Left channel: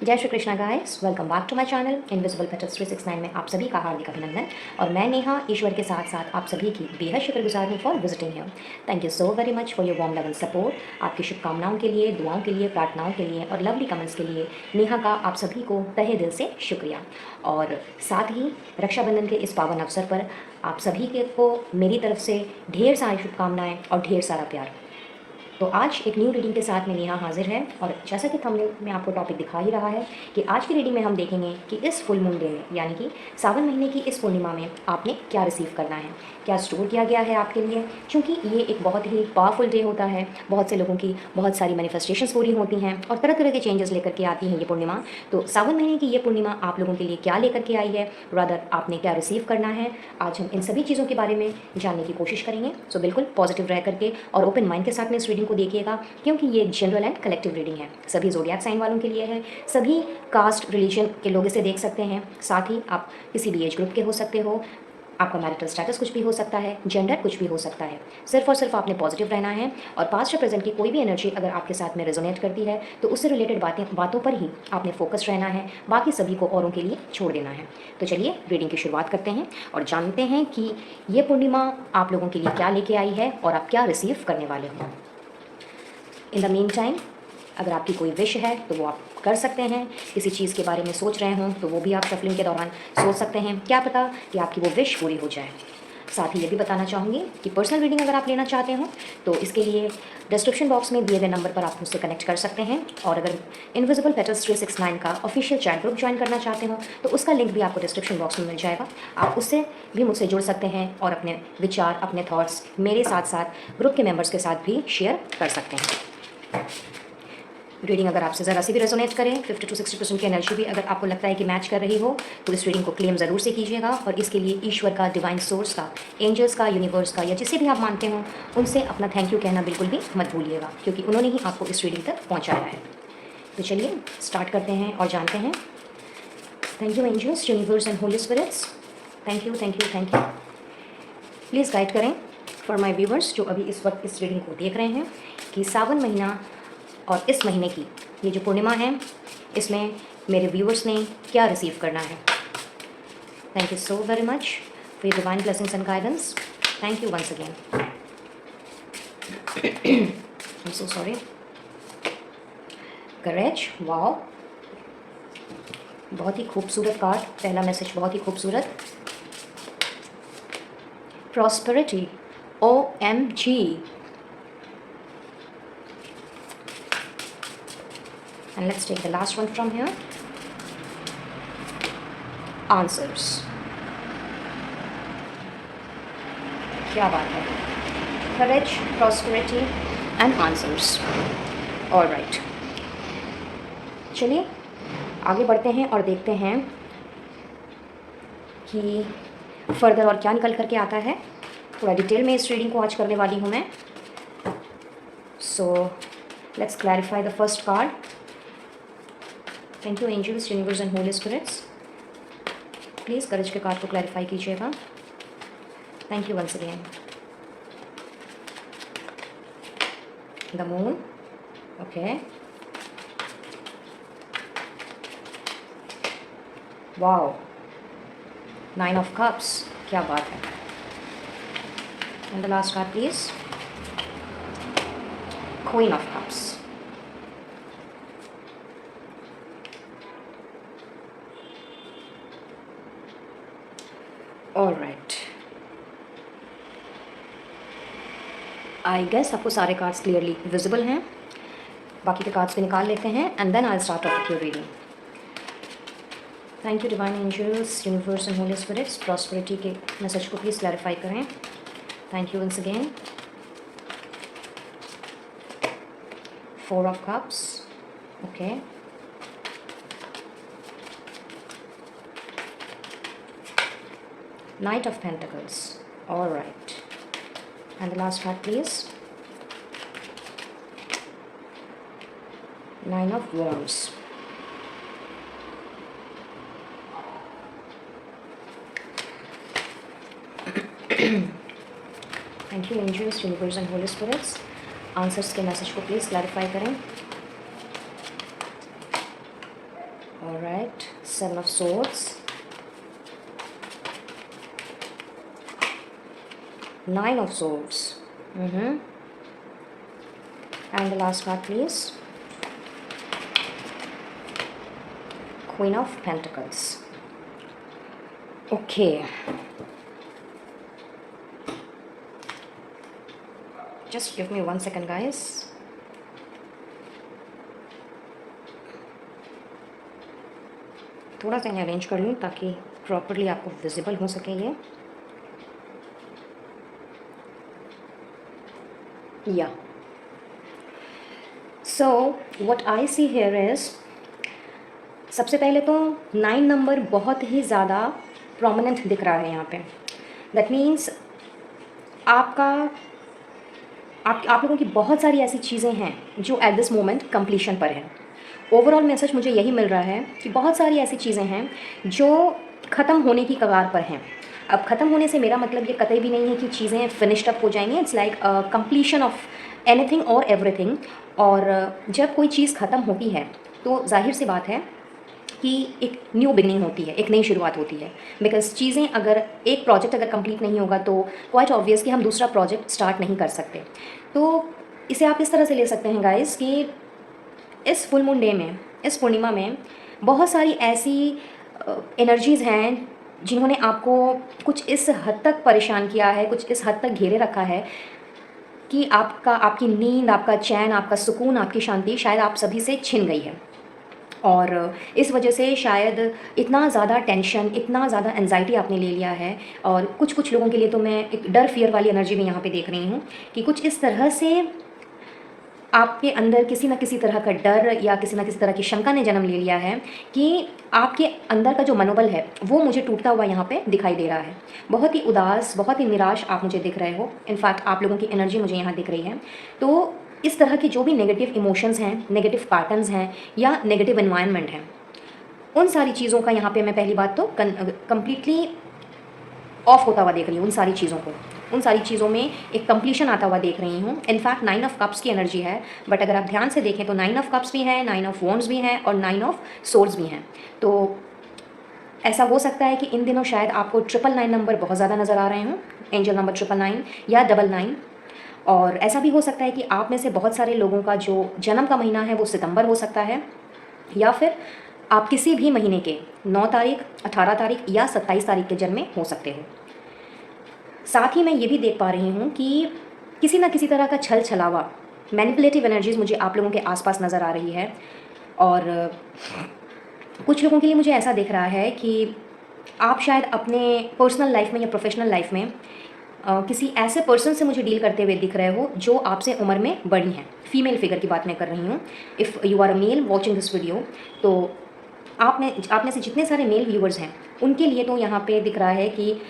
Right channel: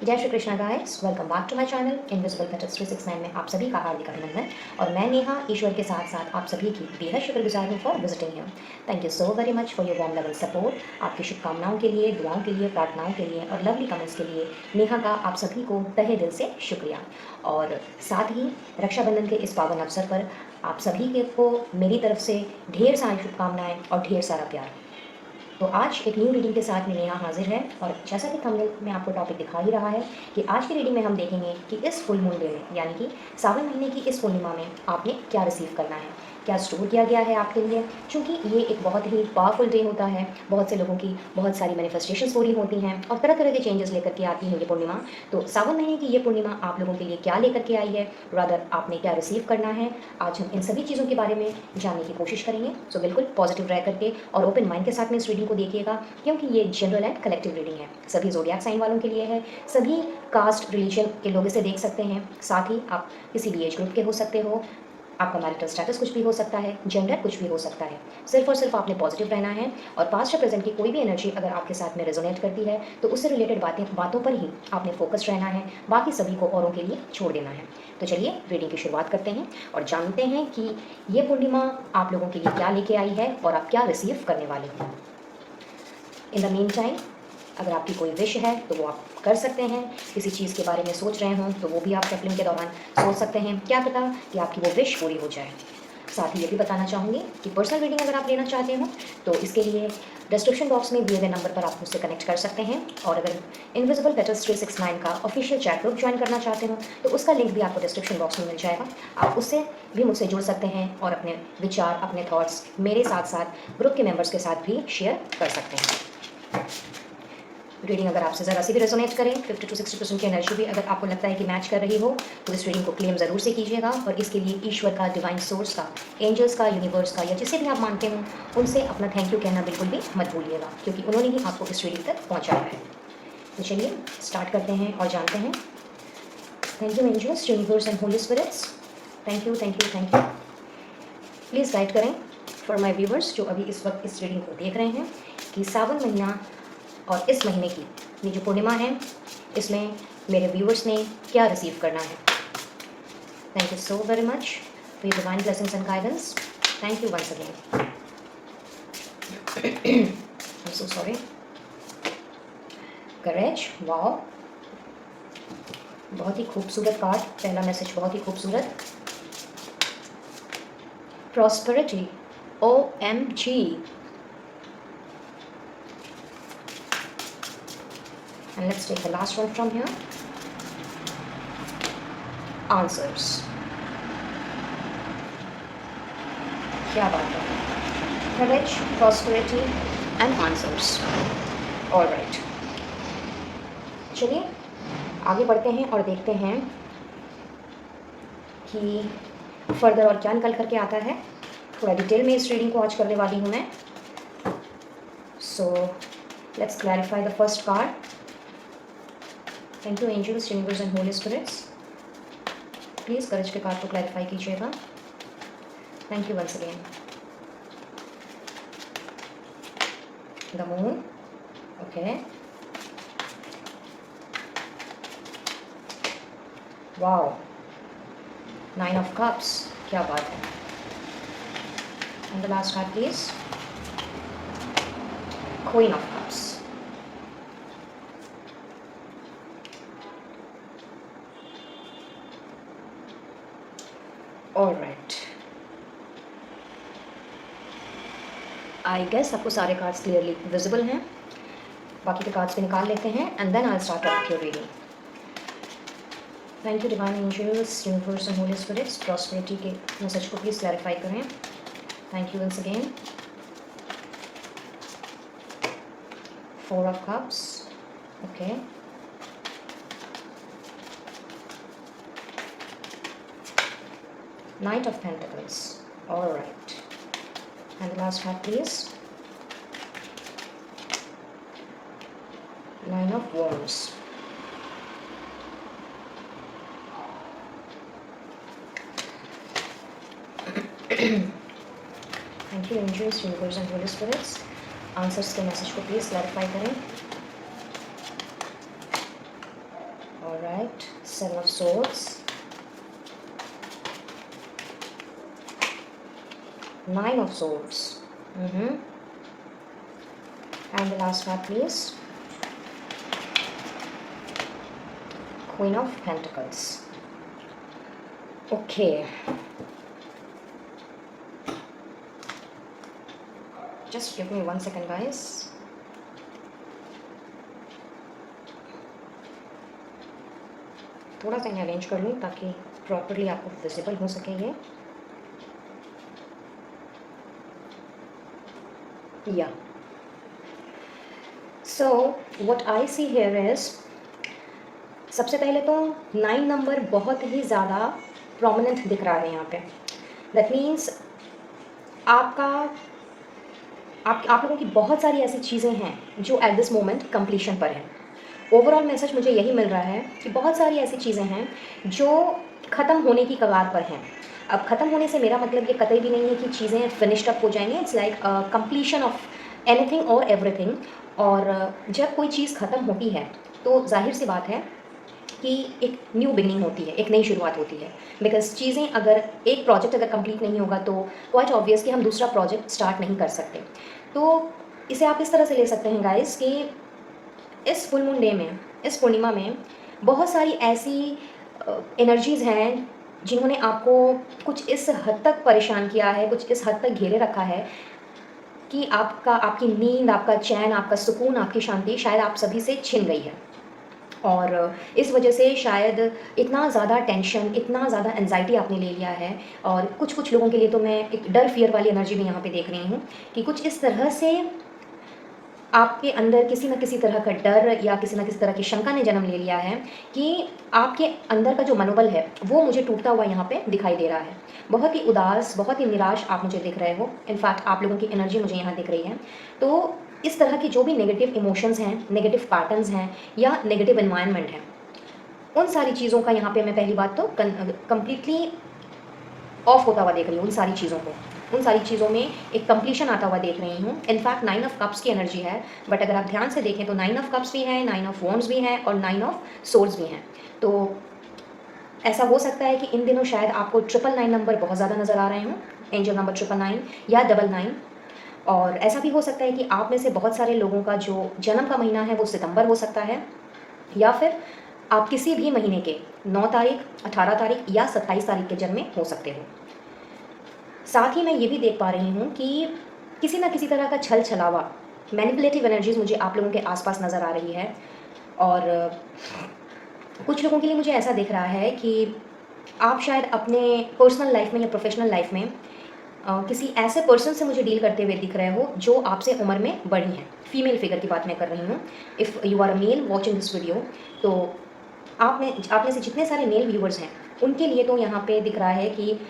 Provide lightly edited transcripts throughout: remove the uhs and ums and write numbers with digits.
जय Shri Krishna guys, welcome back to my channel invisible petals 369 में आप सभी का हार्दिक अभिनंदन। और मैं नेहा ईश्वर के साथ साथ आप सभी की बेहद शुक्रगुजार हूँ for visiting him. Thank you so very much for your warm level support. आपकी शुभकामनाओं के लिए, दुआओं के लिए, प्रार्थनाओं के लिए और लवली कमेंट्स के लिए नेहा का आप सभी को तहे दिल से शुक्रिया। और साथ ही रक्षाबंधन के इस पावन अवसर पर आप सभी के को मेरी तरफ से ढेर सारी शुभकामनाएँ और ढेर सारा प्यार। तो आज एक न्यू रीडिंग के साथ में नेहा हाजिर है। और जैसा कि थंबनेल में आपको टॉपिक दिखा ही रहा है कि आज की रीडिंग में हम देखेंगे कि इस फुल मून डे में यानी कि सावन महीने की इस पूर्णिमा में आपने क्या रिसीव करना है, क्या स्टोर किया गया है आपके लिए। क्योंकि ये एक बहुत ही पावरफुल डे होता है, बहुत से लोगों की बहुत सारी मैनिफेस्टेशंस पूरी होती हैं और तरह तरह के चेंजेस लेकर के आती हैं ये पूर्णिमा। तो सावन महीने की ये पूर्णिमा आप लोगों के लिए क्या लेकर के आई है, रादर आपने क्या रिसीव करना है, आज हम इन सभी चीज़ों के बारे में जानने की कोशिश करेंगे। सो बिल्कुल पॉजिटिव रह करके और ओपन माइंड के साथ में इस रीडिंग को देखिएगा, क्योंकि ये जनरल एंड कलेक्टिव रीडिंग है, सभी ज़ोडिएक साइन वालों के लिए है। सभी कास्ट रिलीजन के लोग इसे देख सकते हैं। साथ ही आप किसी भी एज ग्रुप के हो सकते हो, आपका मैरिटल स्टेटस कुछ भी हो सकता है, जेंडर कुछ भी हो सकता है। सिर्फ और सिर्फ आपने पॉजिटिव रहना है और पास्ट या प्रेजेंट की कोई भी एनर्जी अगर आपके साथ में रेजोनेट करती है तो उससे रिलेटेड बातों पर ही आपने फोकस रहना है, बाकी सभी को औरों के लिए छोड़ देना है। तो चलिए रीडिंग की शुरुआत करते हैं और जानते हैं कि ये पूर्णिमा आप लोगों के लिए क्या लेके आई है और आप क्या रिसीव करने वाले हो। इन द मीन टाइम अगर आपकी कोई विश है तो वो आप कर सकते हैं। किसी चीज़ के बारे में सोच रहे हों तो वो भी आप सफलिंग के दौरान सोच सकते हैं, क्या पता कि आपकी वो विश पूरी हो जाए। साथ ही ये भी बताना चाहूँगी कि पर्सनल रीडिंग अगर आप लेना चाहते हो तो इसके लिए डिस्क्रिप्शन बॉक्स में दिए गए नंबर पर आप मुझसे कनेक्ट कर सकते हैं। और अगर इनविजिबल पेटल्स 369 का ऑफिशियल चैट ग्रुप ज्वाइन करना चाहते हो तो उसका लिंक भी आपको डिस्क्रिप्शन बॉक्स में मिल जाएगा। आप उससे भी मुझसे जुड़ सकते हैं और अपने विचार, अपने थॉट्स मेरे साथ साथ ग्रुप के मेंबर्स के साथ भी शेयर कर सकते हैं। रीडिंग अगर आपसे ज़रा सी भी रेजोनेट करें, 50 to 60% की एनर्जी भी अगर आपको लगता है कि मैच कर रही हो तो इस रीडिंग को क्लेम ज़रूर से कीजिएगा। और इसके लिए ईश्वर का, डिवाइन सोर्स का, एंजल्स का, यूनिवर्स का या जिसे भी आप मानते हो उनसे अपना थैंक यू कहना बिल्कुल भी मत भूलिएगा, क्योंकि उन्होंने ही आपको इस रीडिंग तक पहुँचाया है। तो चलिए स्टार्ट करते हैं और जानते हैं। Thank you angels, universe and holy spirits, thank you thank you thank you. Please guide करें फॉर माई व्यूवर्स जो अभी इस वक्त इस रीडिंग को देख रहे हैं कि सावन महीना और इस महीने की ये जो पूर्णिमा है इसमें मेरे व्यूअर्स ने क्या रिसीव करना है। Thank you so very much for your divine blessings and guidance. Thank you once again. I am so sorry. Courage, wow, बहुत ही खूबसूरत कार्ड। पहला मैसेज बहुत ही खूबसूरत। Prosperity, OMG। And let's take the last one from here. Answers. क्या बात है। Courage, prosperity and answers. All right. चलिए आगे बढ़ते हैं और देखते हैं कि फर्दर और क्या निकल करके आता है। थोड़ा डिटेल में इस रीडिंग को आज करने वाली हूँ मैं। So let's clarify the first card. Thank you angels, universe and holy spirits, please courage के कार्ड को क्लैरिफाई कीजिएगा। Thank you once again. The moon, okay, wow, 9 of cups, क्या बात है। And the last card please, queen of cups. All right, I guess आपको सारे cards clearly visible हैं। बाकी के कार्ड्स भी निकाल लेते हैं and then I start of your reading. Thank you divine angels, universe and holy spirits, prosperity के मैसेज को प्लीज़ क्लैरिफाई करें। Thank you once again. 4 of cups, okay, Knight of Pentacles, all right, and the last card please, 9 of Wands. Thank you angels, universe and holy spirits, answers के message को please clarify करें। Alright, Seven of Swords, Nine of Swords, and the last card please, Queen of Pentacles. Okay, just give me 1 second guys. थोड़ा सा इन्हें arrange कर लूँ ताकि properly आपको विजिबल हो सके ये। या so what I see here is, सबसे पहले तो 9 नंबर बहुत ही ज़्यादा प्रोमिनेंट दिख रहा है यहाँ पे। दैट मीन्स आप लोगों की बहुत सारी ऐसी चीज़ें हैं जो एट दिस मोमेंट कंप्लीशन पर हैं। ओवरऑल मैसेज मुझे यही मिल रहा है कि बहुत सारी ऐसी चीज़ें हैं जो ख़त्म होने की कगार पर हैं। अब ख़त्म होने से मेरा मतलब ये कतई भी नहीं है कि चीज़ें फिनिश्ड अप हो जाएंगी। It's like completion of anything और एवरीथिंग। और जब कोई चीज़ ख़त्म होती है तो जाहिर सी बात है कि एक न्यू बिगनिंग होती है, एक नई शुरुआत होती है। बिकॉज चीज़ें अगर एक प्रोजेक्ट अगर कंप्लीट नहीं होगा तो क्वाइट ऑब्वियस कि हम दूसरा प्रोजेक्ट स्टार्ट नहीं कर सकते। तो इसे आप इस तरह से ले सकते हैं गाइस कि इस फुल मून डे में, इस पूर्णिमा में बहुत सारी ऐसी एनर्जीज़ हैं जिन्होंने आपको कुछ इस हद तक परेशान किया है, कुछ इस हद तक घेरे रखा है कि आपकी नींद, आपका चैन, आपका सुकून, आपकी शांति शायद आप सभी से छिन गई है। और इस वजह से शायद इतना ज़्यादा टेंशन, इतना ज़्यादा एंजाइटी आपने ले लिया है। और कुछ लोगों के लिए तो मैं एक डर, फियर वाली एनर्जी भी यहाँ पे देख रही हूँ कि कुछ इस तरह से आपके अंदर किसी न किसी तरह का डर या किसी न किसी तरह की शंका ने जन्म ले लिया है कि आपके अंदर का जो मनोबल है वो मुझे टूटता हुआ यहाँ पे दिखाई दे रहा है। बहुत ही उदास, बहुत ही निराश आप मुझे दिख रहे हो। इनफैक्ट आप लोगों की एनर्जी मुझे यहाँ दिख रही है। तो इस तरह के जो भी नेगेटिव इमोशंस हैं, नेगेटिव पैटर्न्स हैं या नेगेटिव एनवायरनमेंट है, उन सारी चीज़ों का यहाँ पे मैं पहली बात तो कम्प्लीटली ऑफ होता हुआ देख रही हूँ। उन सारी चीज़ों में एक कंप्लीशन आता हुआ देख रही हूँ। इनफैक्ट 9 ऑफ कप्स की एनर्जी है, बट अगर आप ध्यान से देखें तो 9 ऑफ कप्स भी है, 9 ऑफ वॉन्ड्स भी हैं और 9 ऑफ सोर्ड्स भी हैं। तो ऐसा हो सकता है कि इन दिनों शायद आपको 999 नंबर बहुत ज़्यादा नज़र आ रहे हों, एंजल नंबर 999 या 99। और ऐसा भी हो सकता है कि आप में से बहुत सारे लोगों का जो जन्म का महीना है वो सितंबर हो सकता है, या फिर आप किसी भी महीने के 9 तारीख, 18 तारीख या 27 तारीख के जन्मे हो सकते हो। साथ ही मैं ये भी देख पा रही हूँ कि किसी न किसी तरह का छल छलावा, मैनिपुलेटिव एनर्जीज मुझे आप लोगों के आसपास नज़र आ रही है। और कुछ लोगों के लिए मुझे ऐसा दिख रहा है कि आप शायद अपने पर्सनल लाइफ में या प्रोफेशनल लाइफ में किसी ऐसे पर्सन से मुझे डील करते हुए दिख रहे हो जो आपसे उम्र में बड़ी हैं। फीमेल फिगर की बात मैं कर रही हूँ। If you are a male watching this video, तो आप में से जितने सारे मेल व्यूवर्स हैं उनके लिए तो यहाँ पे दिख रहा है कि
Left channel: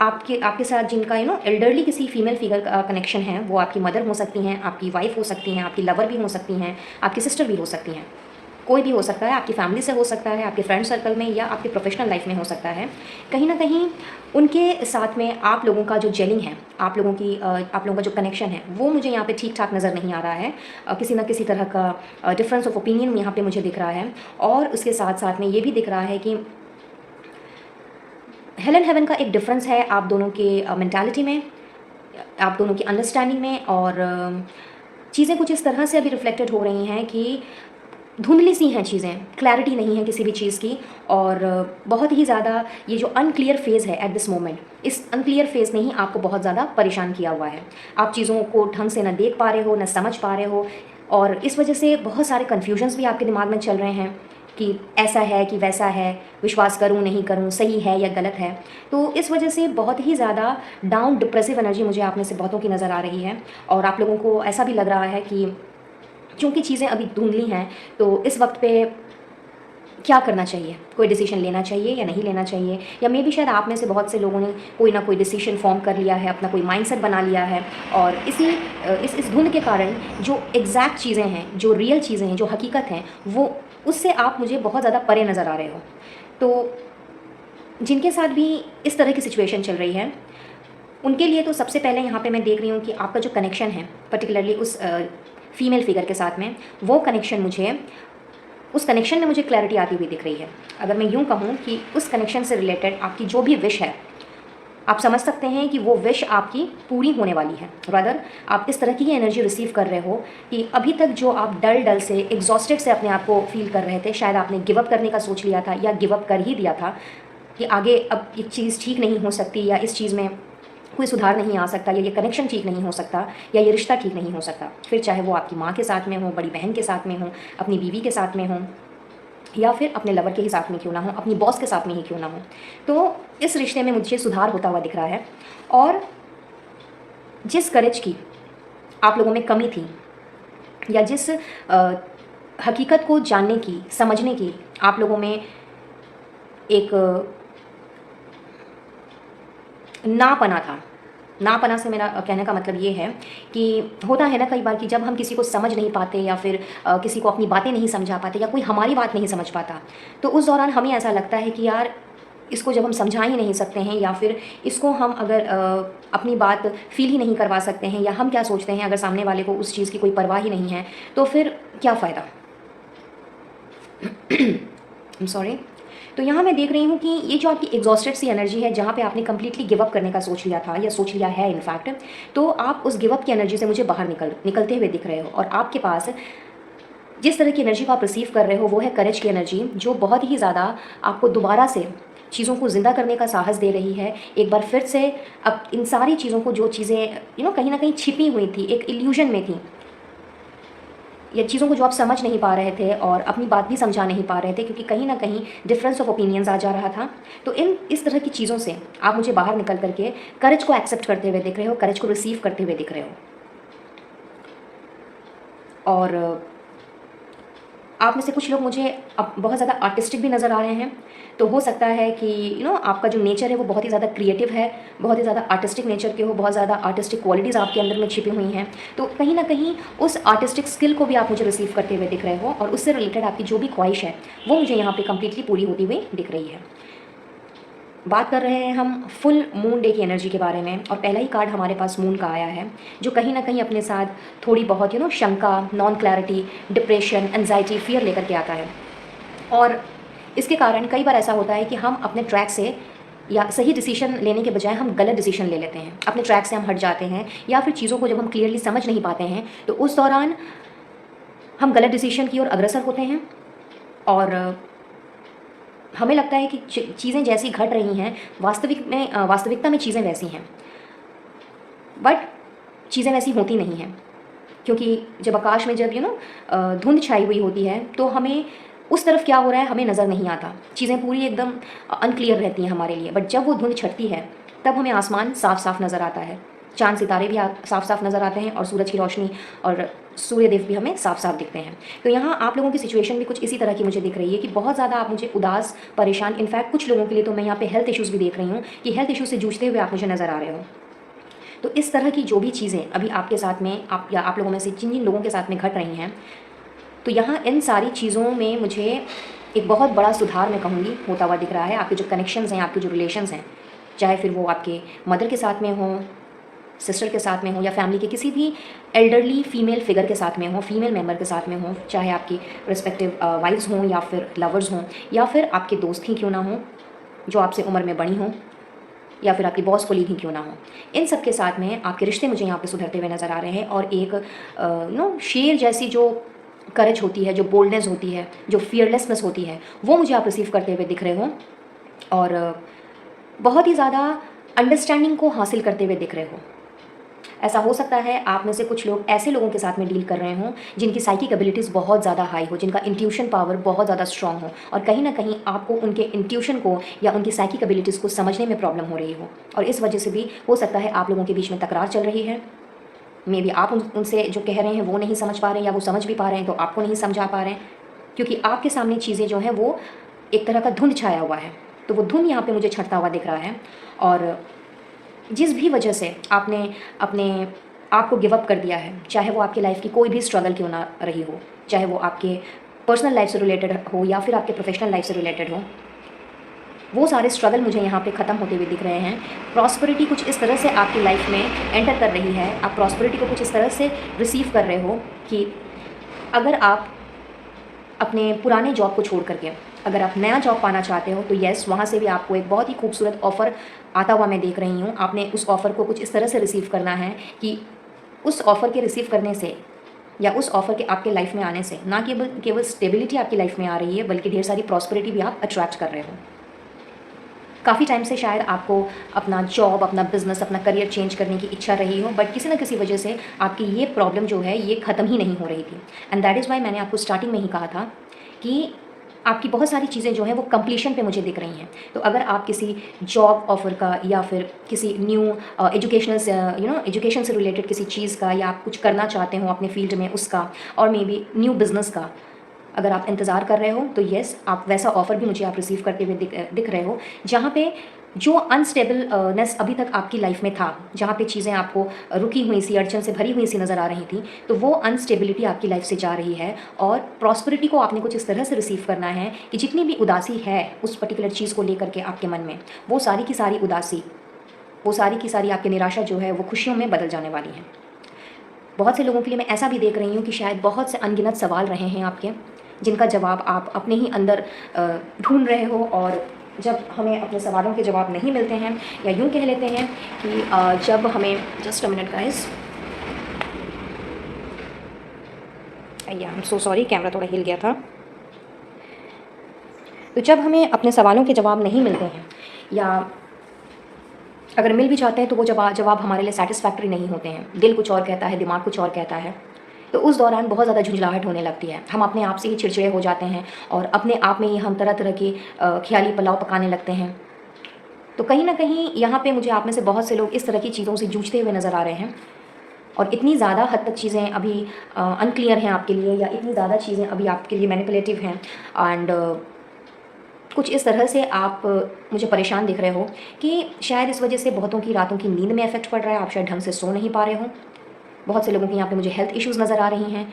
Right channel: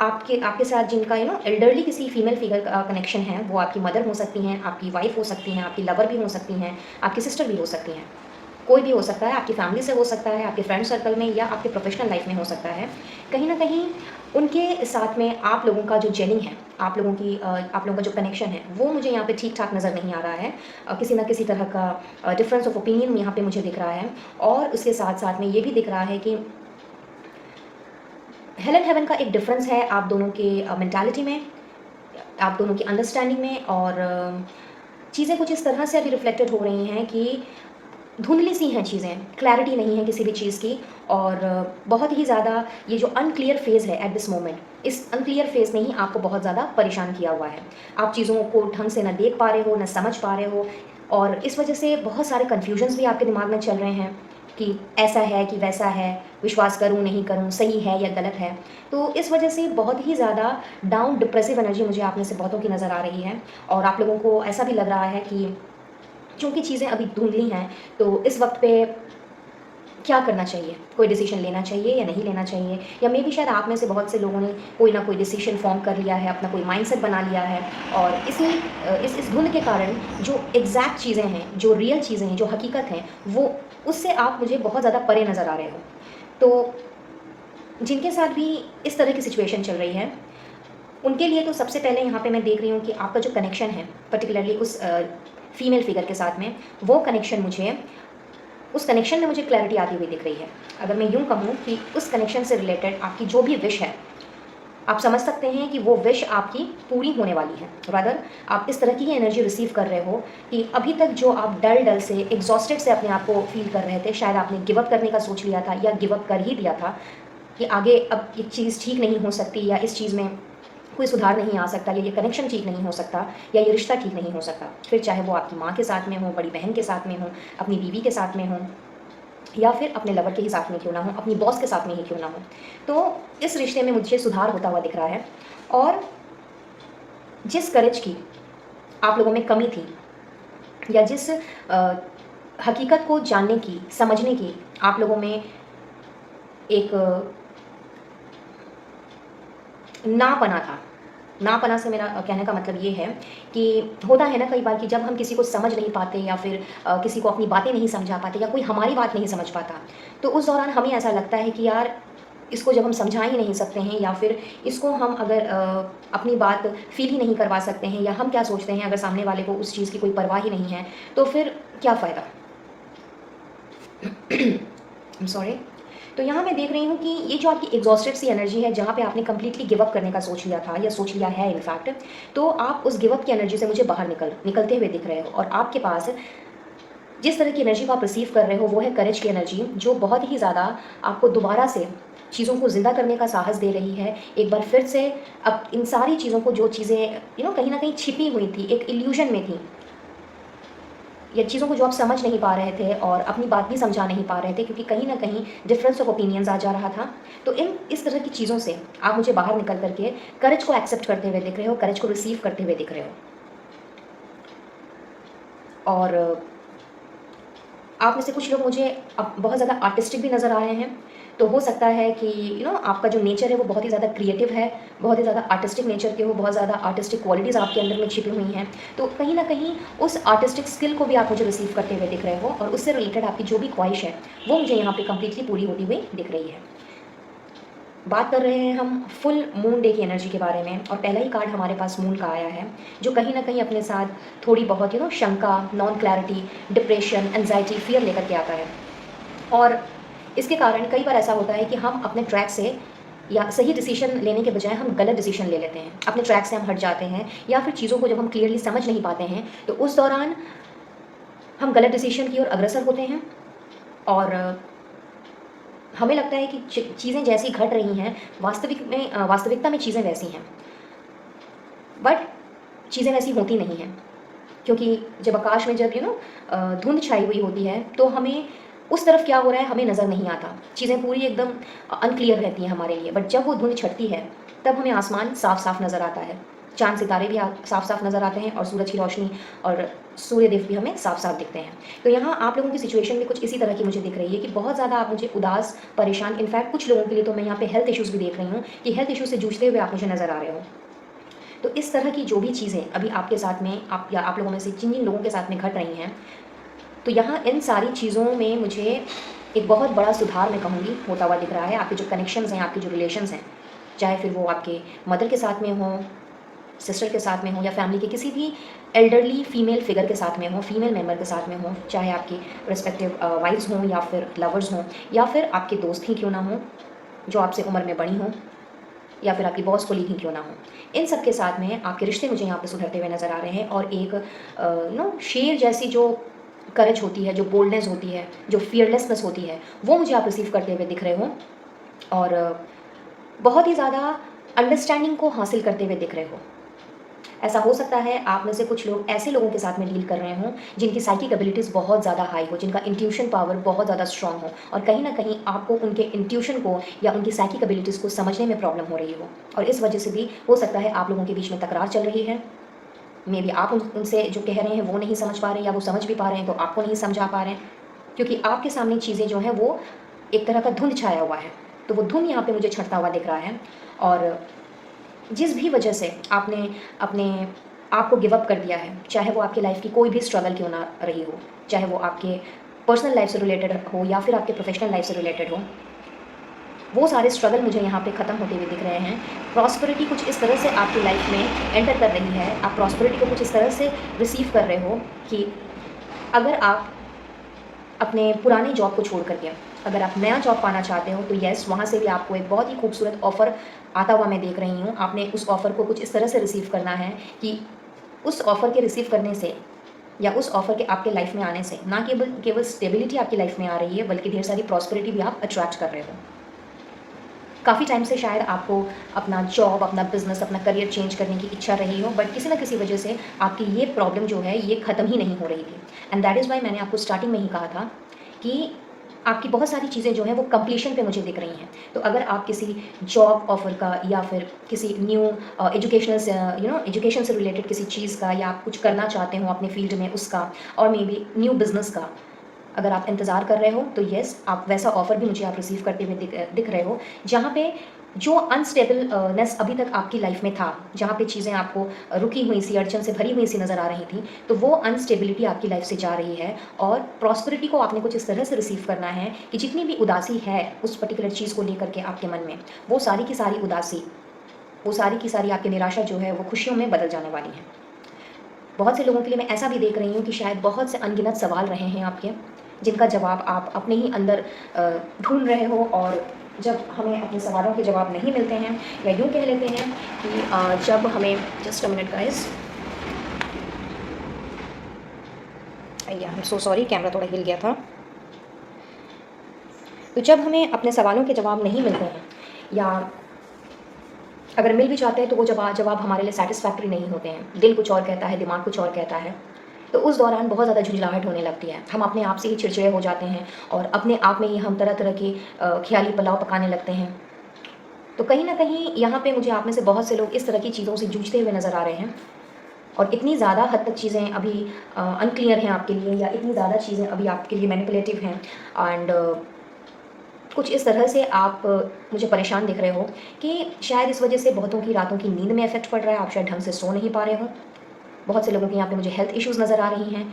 आपके साथ जिनका एल्डरली किसी फीमेल फिगर का कनेक्शन है, वो आपकी मदर हो सकती हैं, आपकी वाइफ हो सकती हैं, आपकी लवर भी हो सकती हैं, आपकी सिस्टर भी हो सकती हैं, कोई भी हो सकता है, आपकी फैमिली से हो सकता है, आपके फ्रेंड सर्कल में या आपके प्रोफेशनल लाइफ में हो सकता है। कहीं ना कहीं उनके साथ में आप लोगों का जो जेलिंग है, आप लोगों का जो कनेक्शन है वो मुझे यहाँ पे ठीक ठाक नज़र नहीं आ रहा है। किसी ना किसी तरह का डिफरेंस ऑफ ओपिनियन यहाँ पे मुझे दिख रहा है। और उसके साथ साथ में ये भी दिख रहा है कि हेल एंड हेवन का एक डिफरेंस है आप दोनों के मेंटालिटी में, आप दोनों की अंडरस्टैंडिंग में। और चीज़ें कुछ इस तरह से अभी रिफ्लेक्टेड हो रही हैं कि धुंधली सी हैं चीज़ें, क्लैरिटी नहीं है किसी भी चीज़ की। और बहुत ही ज़्यादा ये जो अनक्लियर फेज़ है एट दिस मोमेंट, इस अनक्लियर फेज़ ने ही आपको बहुत ज़्यादा परेशान किया हुआ है। आप चीज़ों को ढंग से ना देख पा रहे हो, ना समझ पा रहे हो, और इस वजह से बहुत सारे कन्फ्यूजन्स भी आपके दिमाग में चल रहे हैं कि ऐसा है कि वैसा है, विश्वास करूं नहीं करूं, सही है या गलत है। तो इस वजह से बहुत ही ज़्यादा डाउन डिप्रेसिव एनर्जी मुझे आप में से बहुतों की नज़र आ रही है। और आप लोगों को ऐसा भी लग रहा है कि क्योंकि चीज़ें अभी धुंधली हैं तो इस वक्त पे क्या करना चाहिए, कोई डिसीजन लेना चाहिए या नहीं लेना चाहिए। या मे बी शायद आप में से बहुत से लोगों ने कोई ना कोई डिसीजन फॉर्म कर लिया है, अपना कोई माइंडसेट बना लिया है, और इस धुंध के कारण जो एग्जैक्ट चीज़ें हैं, जो रियल चीज़ें हैं, जो हकीकत हैं, वो उससे आप मुझे बहुत ज़्यादा परे नज़र आ रहे हो। तो जिनके साथ भी इस तरह की सिचुएशन चल रही है उनके लिए तो सबसे पहले यहाँ पे मैं देख रही हूँ कि आपका जो कनेक्शन है पर्टिकुलरली उस फीमेल फिगर के साथ में, वो कनेक्शन मुझे उस कनेक्शन में मुझे क्लैरिटी आती हुई दिख रही है। अगर मैं यूँ कहूँ कि उस कनेक्शन से रिलेटेड आपकी जो भी विश है, आप समझ सकते हैं कि वो विश आपकी पूरी होने वाली है। रादर आप इस तरह की एनर्जी रिसीव कर रहे हो कि अभी तक जो आप डल से एग्जॉस्टेड से अपने आप को फील कर रहे थे, शायद आपने गिव अप करने का सोच लिया था या गिव अप कर ही दिया था कि आगे अब ये चीज़ ठीक नहीं हो सकती, या इस चीज़ में कोई सुधार नहीं आ सकता, या ये कनेक्शन ठीक नहीं हो सकता, या ये रिश्ता ठीक नहीं हो सकता। फिर चाहे वो आपकी माँ के साथ में हो, बड़ी बहन के साथ में हो, अपनी बीवी के साथ में हो, या फिर अपने लवर के ही साथ में क्यों ना हो, अपनी बॉस के साथ में ही क्यों ना हो। तो इस रिश्ते में मुझे सुधार होता हुआ दिख रहा है। और जिस करेज की आप लोगों में कमी थी, या जिस हकीकत को जानने की, समझने की आप लोगों में एक नापना था, नापना से मेरा कहने का मतलब ये है कि होता है ना कई बार कि जब हम किसी को समझ नहीं पाते, या फिर किसी को अपनी बातें नहीं समझा पाते, या कोई हमारी बात नहीं समझ पाता, तो उस दौरान हमें ऐसा लगता है कि यार इसको जब हम समझा ही नहीं सकते हैं, या फिर इसको हम अगर अपनी बात फील ही नहीं करवा सकते हैं, या हम क्या सोचते हैं अगर सामने वाले को उस चीज़ की कोई परवाह ही नहीं है, तो फिर क्या फ़ायदा। I am sorry. तो यहाँ मैं देख रही हूँ कि ये जो आपकी एग्जॉस्टेड सी एनर्जी है, जहाँ पे आपने कंप्लीटली गिव अप करने का सोच लिया था, या सोच लिया है इनफैक्ट, तो आप उस गिव अप की एनर्जी से मुझे बाहर निकलते हुए दिख रहे हो। और आपके पास जिस तरह की एनर्जी को आप रिसीव कर रहे हो वो है करेज की एनर्जी, जो बहुत ही ज़्यादा आपको दोबारा से चीज़ों को ज़िंदा करने का साहस दे रही है। एक बार फिर से अब इन सारी चीज़ों को, जो चीज़ें कहीं ना कहीं छिपी हुई थी, एक इल्यूजन में थी, या चीज़ों को जो आप समझ नहीं पा रहे थे और अपनी बात भी समझा नहीं पा रहे थे, क्योंकि कहीं ना कहीं डिफरेंस ऑफ ओपिनियंस आ जा रहा था। तो इस तरह की चीज़ों से आप मुझे बाहर निकल करके करेज को एक्सेप्ट करते हुए दिख रहे हो, करेज को रिसीव करते हुए दिख रहे हो। और आप में से कुछ लोग मुझे अब बहुत ज़्यादा आर्टिस्टिक भी नज़र आ रहे हैं। तो हो सकता है कि आपका जो नेचर है वो बहुत ही ज़्यादा क्रिएटिव है, बहुत ही ज़्यादा आर्टिस्टिक नेचर के हो, बहुत ज़्यादा आर्टिस्टिक क्वालिटीज़ आपके अंदर में छिपी हुई हैं। तो कहीं ना कहीं उस आर्टिस्टिक स्किल को भी आप मुझे रिसीव करते हुए दिख रहे हो, और उससे रिलेटेड आपकी जो भी ख्वाहिश है वो मुझे यहाँ पर कम्प्लीटली पूरी होती हुई दिख रही है। बात कर रहे हैं हम फुल मून डे की एनर्जी के बारे में, और पहला ही कार्ड हमारे पास मून का आया है, जो कहीं ना कहीं अपने साथ थोड़ी बहुत शंका, non clarity, depression, anxiety, fear लेकर के आता है। और इसके कारण कई बार ऐसा होता है कि हम अपने ट्रैक से, या सही डिसीजन लेने के बजाय हम गलत डिसीजन ले लेते हैं, अपने ट्रैक से हम हट जाते हैं, या फिर चीज़ों को जब हम क्लियरली समझ नहीं पाते हैं तो उस दौरान हम गलत डिसीजन की ओर अग्रसर होते हैं। और हमें लगता है कि चीज़ें जैसी घट रही हैं, वास्तविकता में चीज़ें वैसी हैं, बट चीज़ें वैसी होती नहीं हैं। क्योंकि जब आकाश में जब धुंध छाई हुई होती है, तो हमें उस तरफ क्या हो रहा है हमें नज़र नहीं आता, चीज़ें पूरी एकदम अनक्लियर रहती हैं हमारे लिए। बट जब वो धुंध छटती है तब हमें आसमान साफ साफ नज़र आता है, चांद सितारे भी साफ साफ नज़र आते हैं, और सूरज की रोशनी और सूर्यदेव भी हमें साफ साफ दिखते हैं। तो यहाँ आप लोगों की सिचुएशन भी कुछ इसी तरह की मुझे दिख रही है कि बहुत ज़्यादा आप मुझे उदास, परेशान, इनफैक्ट कुछ लोगों के लिए तो मैं यहाँ पे हेल्थ इश्यूज़ भी देख रही हूँ कि हेल्थ इशूज़ से जूझते हुए आप मुझे नज़र आ रहे हो। तो इस तरह की जो भी चीज़ें अभी आपके साथ में, आप लोगों में से जिन जिन लोगों के साथ में घट रही हैं, तो यहाँ इन सारी चीज़ों में मुझे एक बहुत बड़ा सुधार मैं कहूँगी होता हुआ दिख रहा है। आपके जो कनेक्शंस हैं, आपके जो रिलेशंस हैं, चाहे फिर वो आपके मदर के साथ में हो, सिस्टर के साथ में हो, या फैमिली के किसी भी एल्डरली फीमेल फिगर के साथ में हो, फीमेल मेंबर के साथ में हो, चाहे आपकी रिस्पेक्टिव वाइफ्स हों, या फिर लवर्स हों, या फिर आपके दोस्त ही क्यों ना हो जो आपसे उम्र में बड़ी हों, या फिर आपकी बॉस कोलीग ही क्यों ना हो, इन सब के साथ में आपके रिश्ते मुझे यहाँ पे सुधरते हुए नज़र आ रहे हैं। और एक शेर जैसी जो करेज होती है, जो बोल्डनेस होती है, जो फियरलेसनेस होती है, वो मुझे आप रिसीव करते हुए दिख रहे हो, और बहुत ही ज़्यादा अंडरस्टैंडिंग को हासिल करते हुए दिख रहे हो। ऐसा हो सकता है आप में से कुछ लोग ऐसे लोगों के साथ में डील कर रहे हों जिनकी साइकिक एबिलिटीज़ बहुत ज़्यादा हाई हो, जिनका इंट्यूशन पावर बहुत ज़्यादा स्ट्रॉन्ग हो, और कहीं ना कहीं आपको उनके इंट्यूशन को या उनकी साइकिक एबिलिटीज़ को समझने में प्रॉब्लम हो रही हो, और इस वजह से भी हो सकता है आप लोगों के बीच में तकरार चल रही है। मे बी आप उनसे जो कह रहे हैं वो नहीं समझ पा रहे हैं, या वो समझ भी पा रहे हैं तो आपको नहीं समझा पा रहे हैं, क्योंकि आपके सामने चीज़ें जो हैं वो एक तरह का धुंध छाया हुआ है। तो वो धुंध यहाँ पे मुझे छटता हुआ दिख रहा है। और जिस भी वजह से आपने अपने आप को गिव अप कर दिया है, चाहे वो आपकी लाइफ की कोई भी स्ट्रगल क्यों ना रही हो, चाहे वो आपके पर्सनल लाइफ से रिलेटेड हो या फिर आपके प्रोफेशनल लाइफ से रिलेटेड हो, वो सारे स्ट्रगल मुझे यहाँ पे ख़त्म होते हुए दिख रहे हैं। प्रॉस्पेरिटी कुछ इस तरह से आपकी लाइफ में एंटर कर रही है, आप प्रॉस्पेरिटी को कुछ इस तरह से रिसीव कर रहे हो कि अगर आप अपने पुराने जॉब को छोड़ करके अगर आप नया जॉब पाना चाहते हो तो येस, वहाँ से भी आपको एक बहुत ही खूबसूरत ऑफ़र आता हुआ मैं देख रही हूँ। आपने उस ऑफ़र को कुछ इस तरह से रिसीव करना है कि उस ऑफ़र के रिसीव करने से या उस ऑफ़र के आपके लाइफ में आने से ना केवल केवल स्टेबिलिटी आपकी लाइफ में आ रही है, बल्कि ढेर सारी प्रॉस्पेरिटी भी आप अट्रैक्ट कर रहे हो। काफ़ी टाइम से शायद आपको अपना जॉब, अपना बिज़नेस, अपना करियर चेंज करने की इच्छा रही हो, बट किसी न किसी वजह से आपकी ये प्रॉब्लम जो है ये ख़त्म ही नहीं हो रही थी। एंड दैट इज़ वाई मैंने आपको स्टार्टिंग में ही कहा था कि आपकी बहुत सारी चीज़ें जो हैं वो कंप्लीशन पे मुझे दिख रही हैं। तो अगर आप किसी जॉब ऑफ़र का या फिर किसी न्यू एजुकेशनल से एजुकेशन से रिलेटेड किसी चीज़ का, या आप कुछ करना चाहते हो अपने फ़ील्ड में उसका, और मे बी न्यू बिज़नेस का अगर आप इंतज़ार कर रहे हो तो येस, आप वैसा ऑफ़र भी मुझे आप रिसीव करते हुए दिख रहे हो, जहाँ पे जो अनस्टेबल नेस अभी तक आपकी लाइफ में था, जहाँ पे चीज़ें आपको रुकी हुई सी, अड़चन से भरी हुई सी नज़र आ रही थी, तो वो अनस्टेबिलिटी आपकी लाइफ से जा रही है। और प्रॉस्पेरिटी को आपने कुछ इस तरह से रिसीव करना है कि जितनी भी उदासी है उस पर्टिकुलर चीज़ को लेकर के आपके मन में, वो सारी की सारी उदासी, वो सारी की सारी आपकी निराशा जो है वो खुशियों में बदल जाने वाली है। बहुत से लोगों के लिए मैं ऐसा भी देख रही हूँ कि शायद बहुत से अनगिनत सवाल रहे हैं आपके, जिनका जवाब आप अपने ही अंदर ढूंढ रहे हो, और जब हमें अपने सवालों के जवाब नहीं मिलते हैं, या यूँ कह लेते हैं कि जब हमें, जस्ट अ मिनट गाइस, या आई एम सो सॉरी, कैमरा थोड़ा हिल गया था। तो जब हमें अपने सवालों के जवाब नहीं मिलते हैं, या अगर मिल भी जाते हैं तो वो जवाब हमारे लिए सेटिस्फैक्टरी नहीं होते हैं, दिल कुछ और कहता है, दिमाग कुछ और कहता है, तो उस दौरान बहुत ज़्यादा झुंझलाहट होने लगती है। हम अपने आप से ही चिड़चिड़े हो जाते हैं, और अपने आप में ही हम तरह तरह की ख्याली पुलाव पकाने लगते हैं। तो कहीं ना कहीं यहाँ पे मुझे आप में से बहुत से लोग इस तरह की चीज़ों से जूझते हुए नज़र आ रहे हैं, और इतनी ज़्यादा हद तक चीज़ें अभी अनक्लियर हैं आपके लिए, या इतनी ज़्यादा चीज़ें अभी आपके लिए मैनिपुलेटिव हैं, एंड कुछ इस तरह से आप मुझे परेशान दिख रहे हो कि शायद इस वजह से बहुतों की रातों की नींद में इफेक्ट पड़ रहा है, आप शायद ढंग से सो नहीं पा रहे हो। बहुत से लोगों के यहाँ पे मुझे हेल्थ इश्यूज़ नज़र आ रही हैं।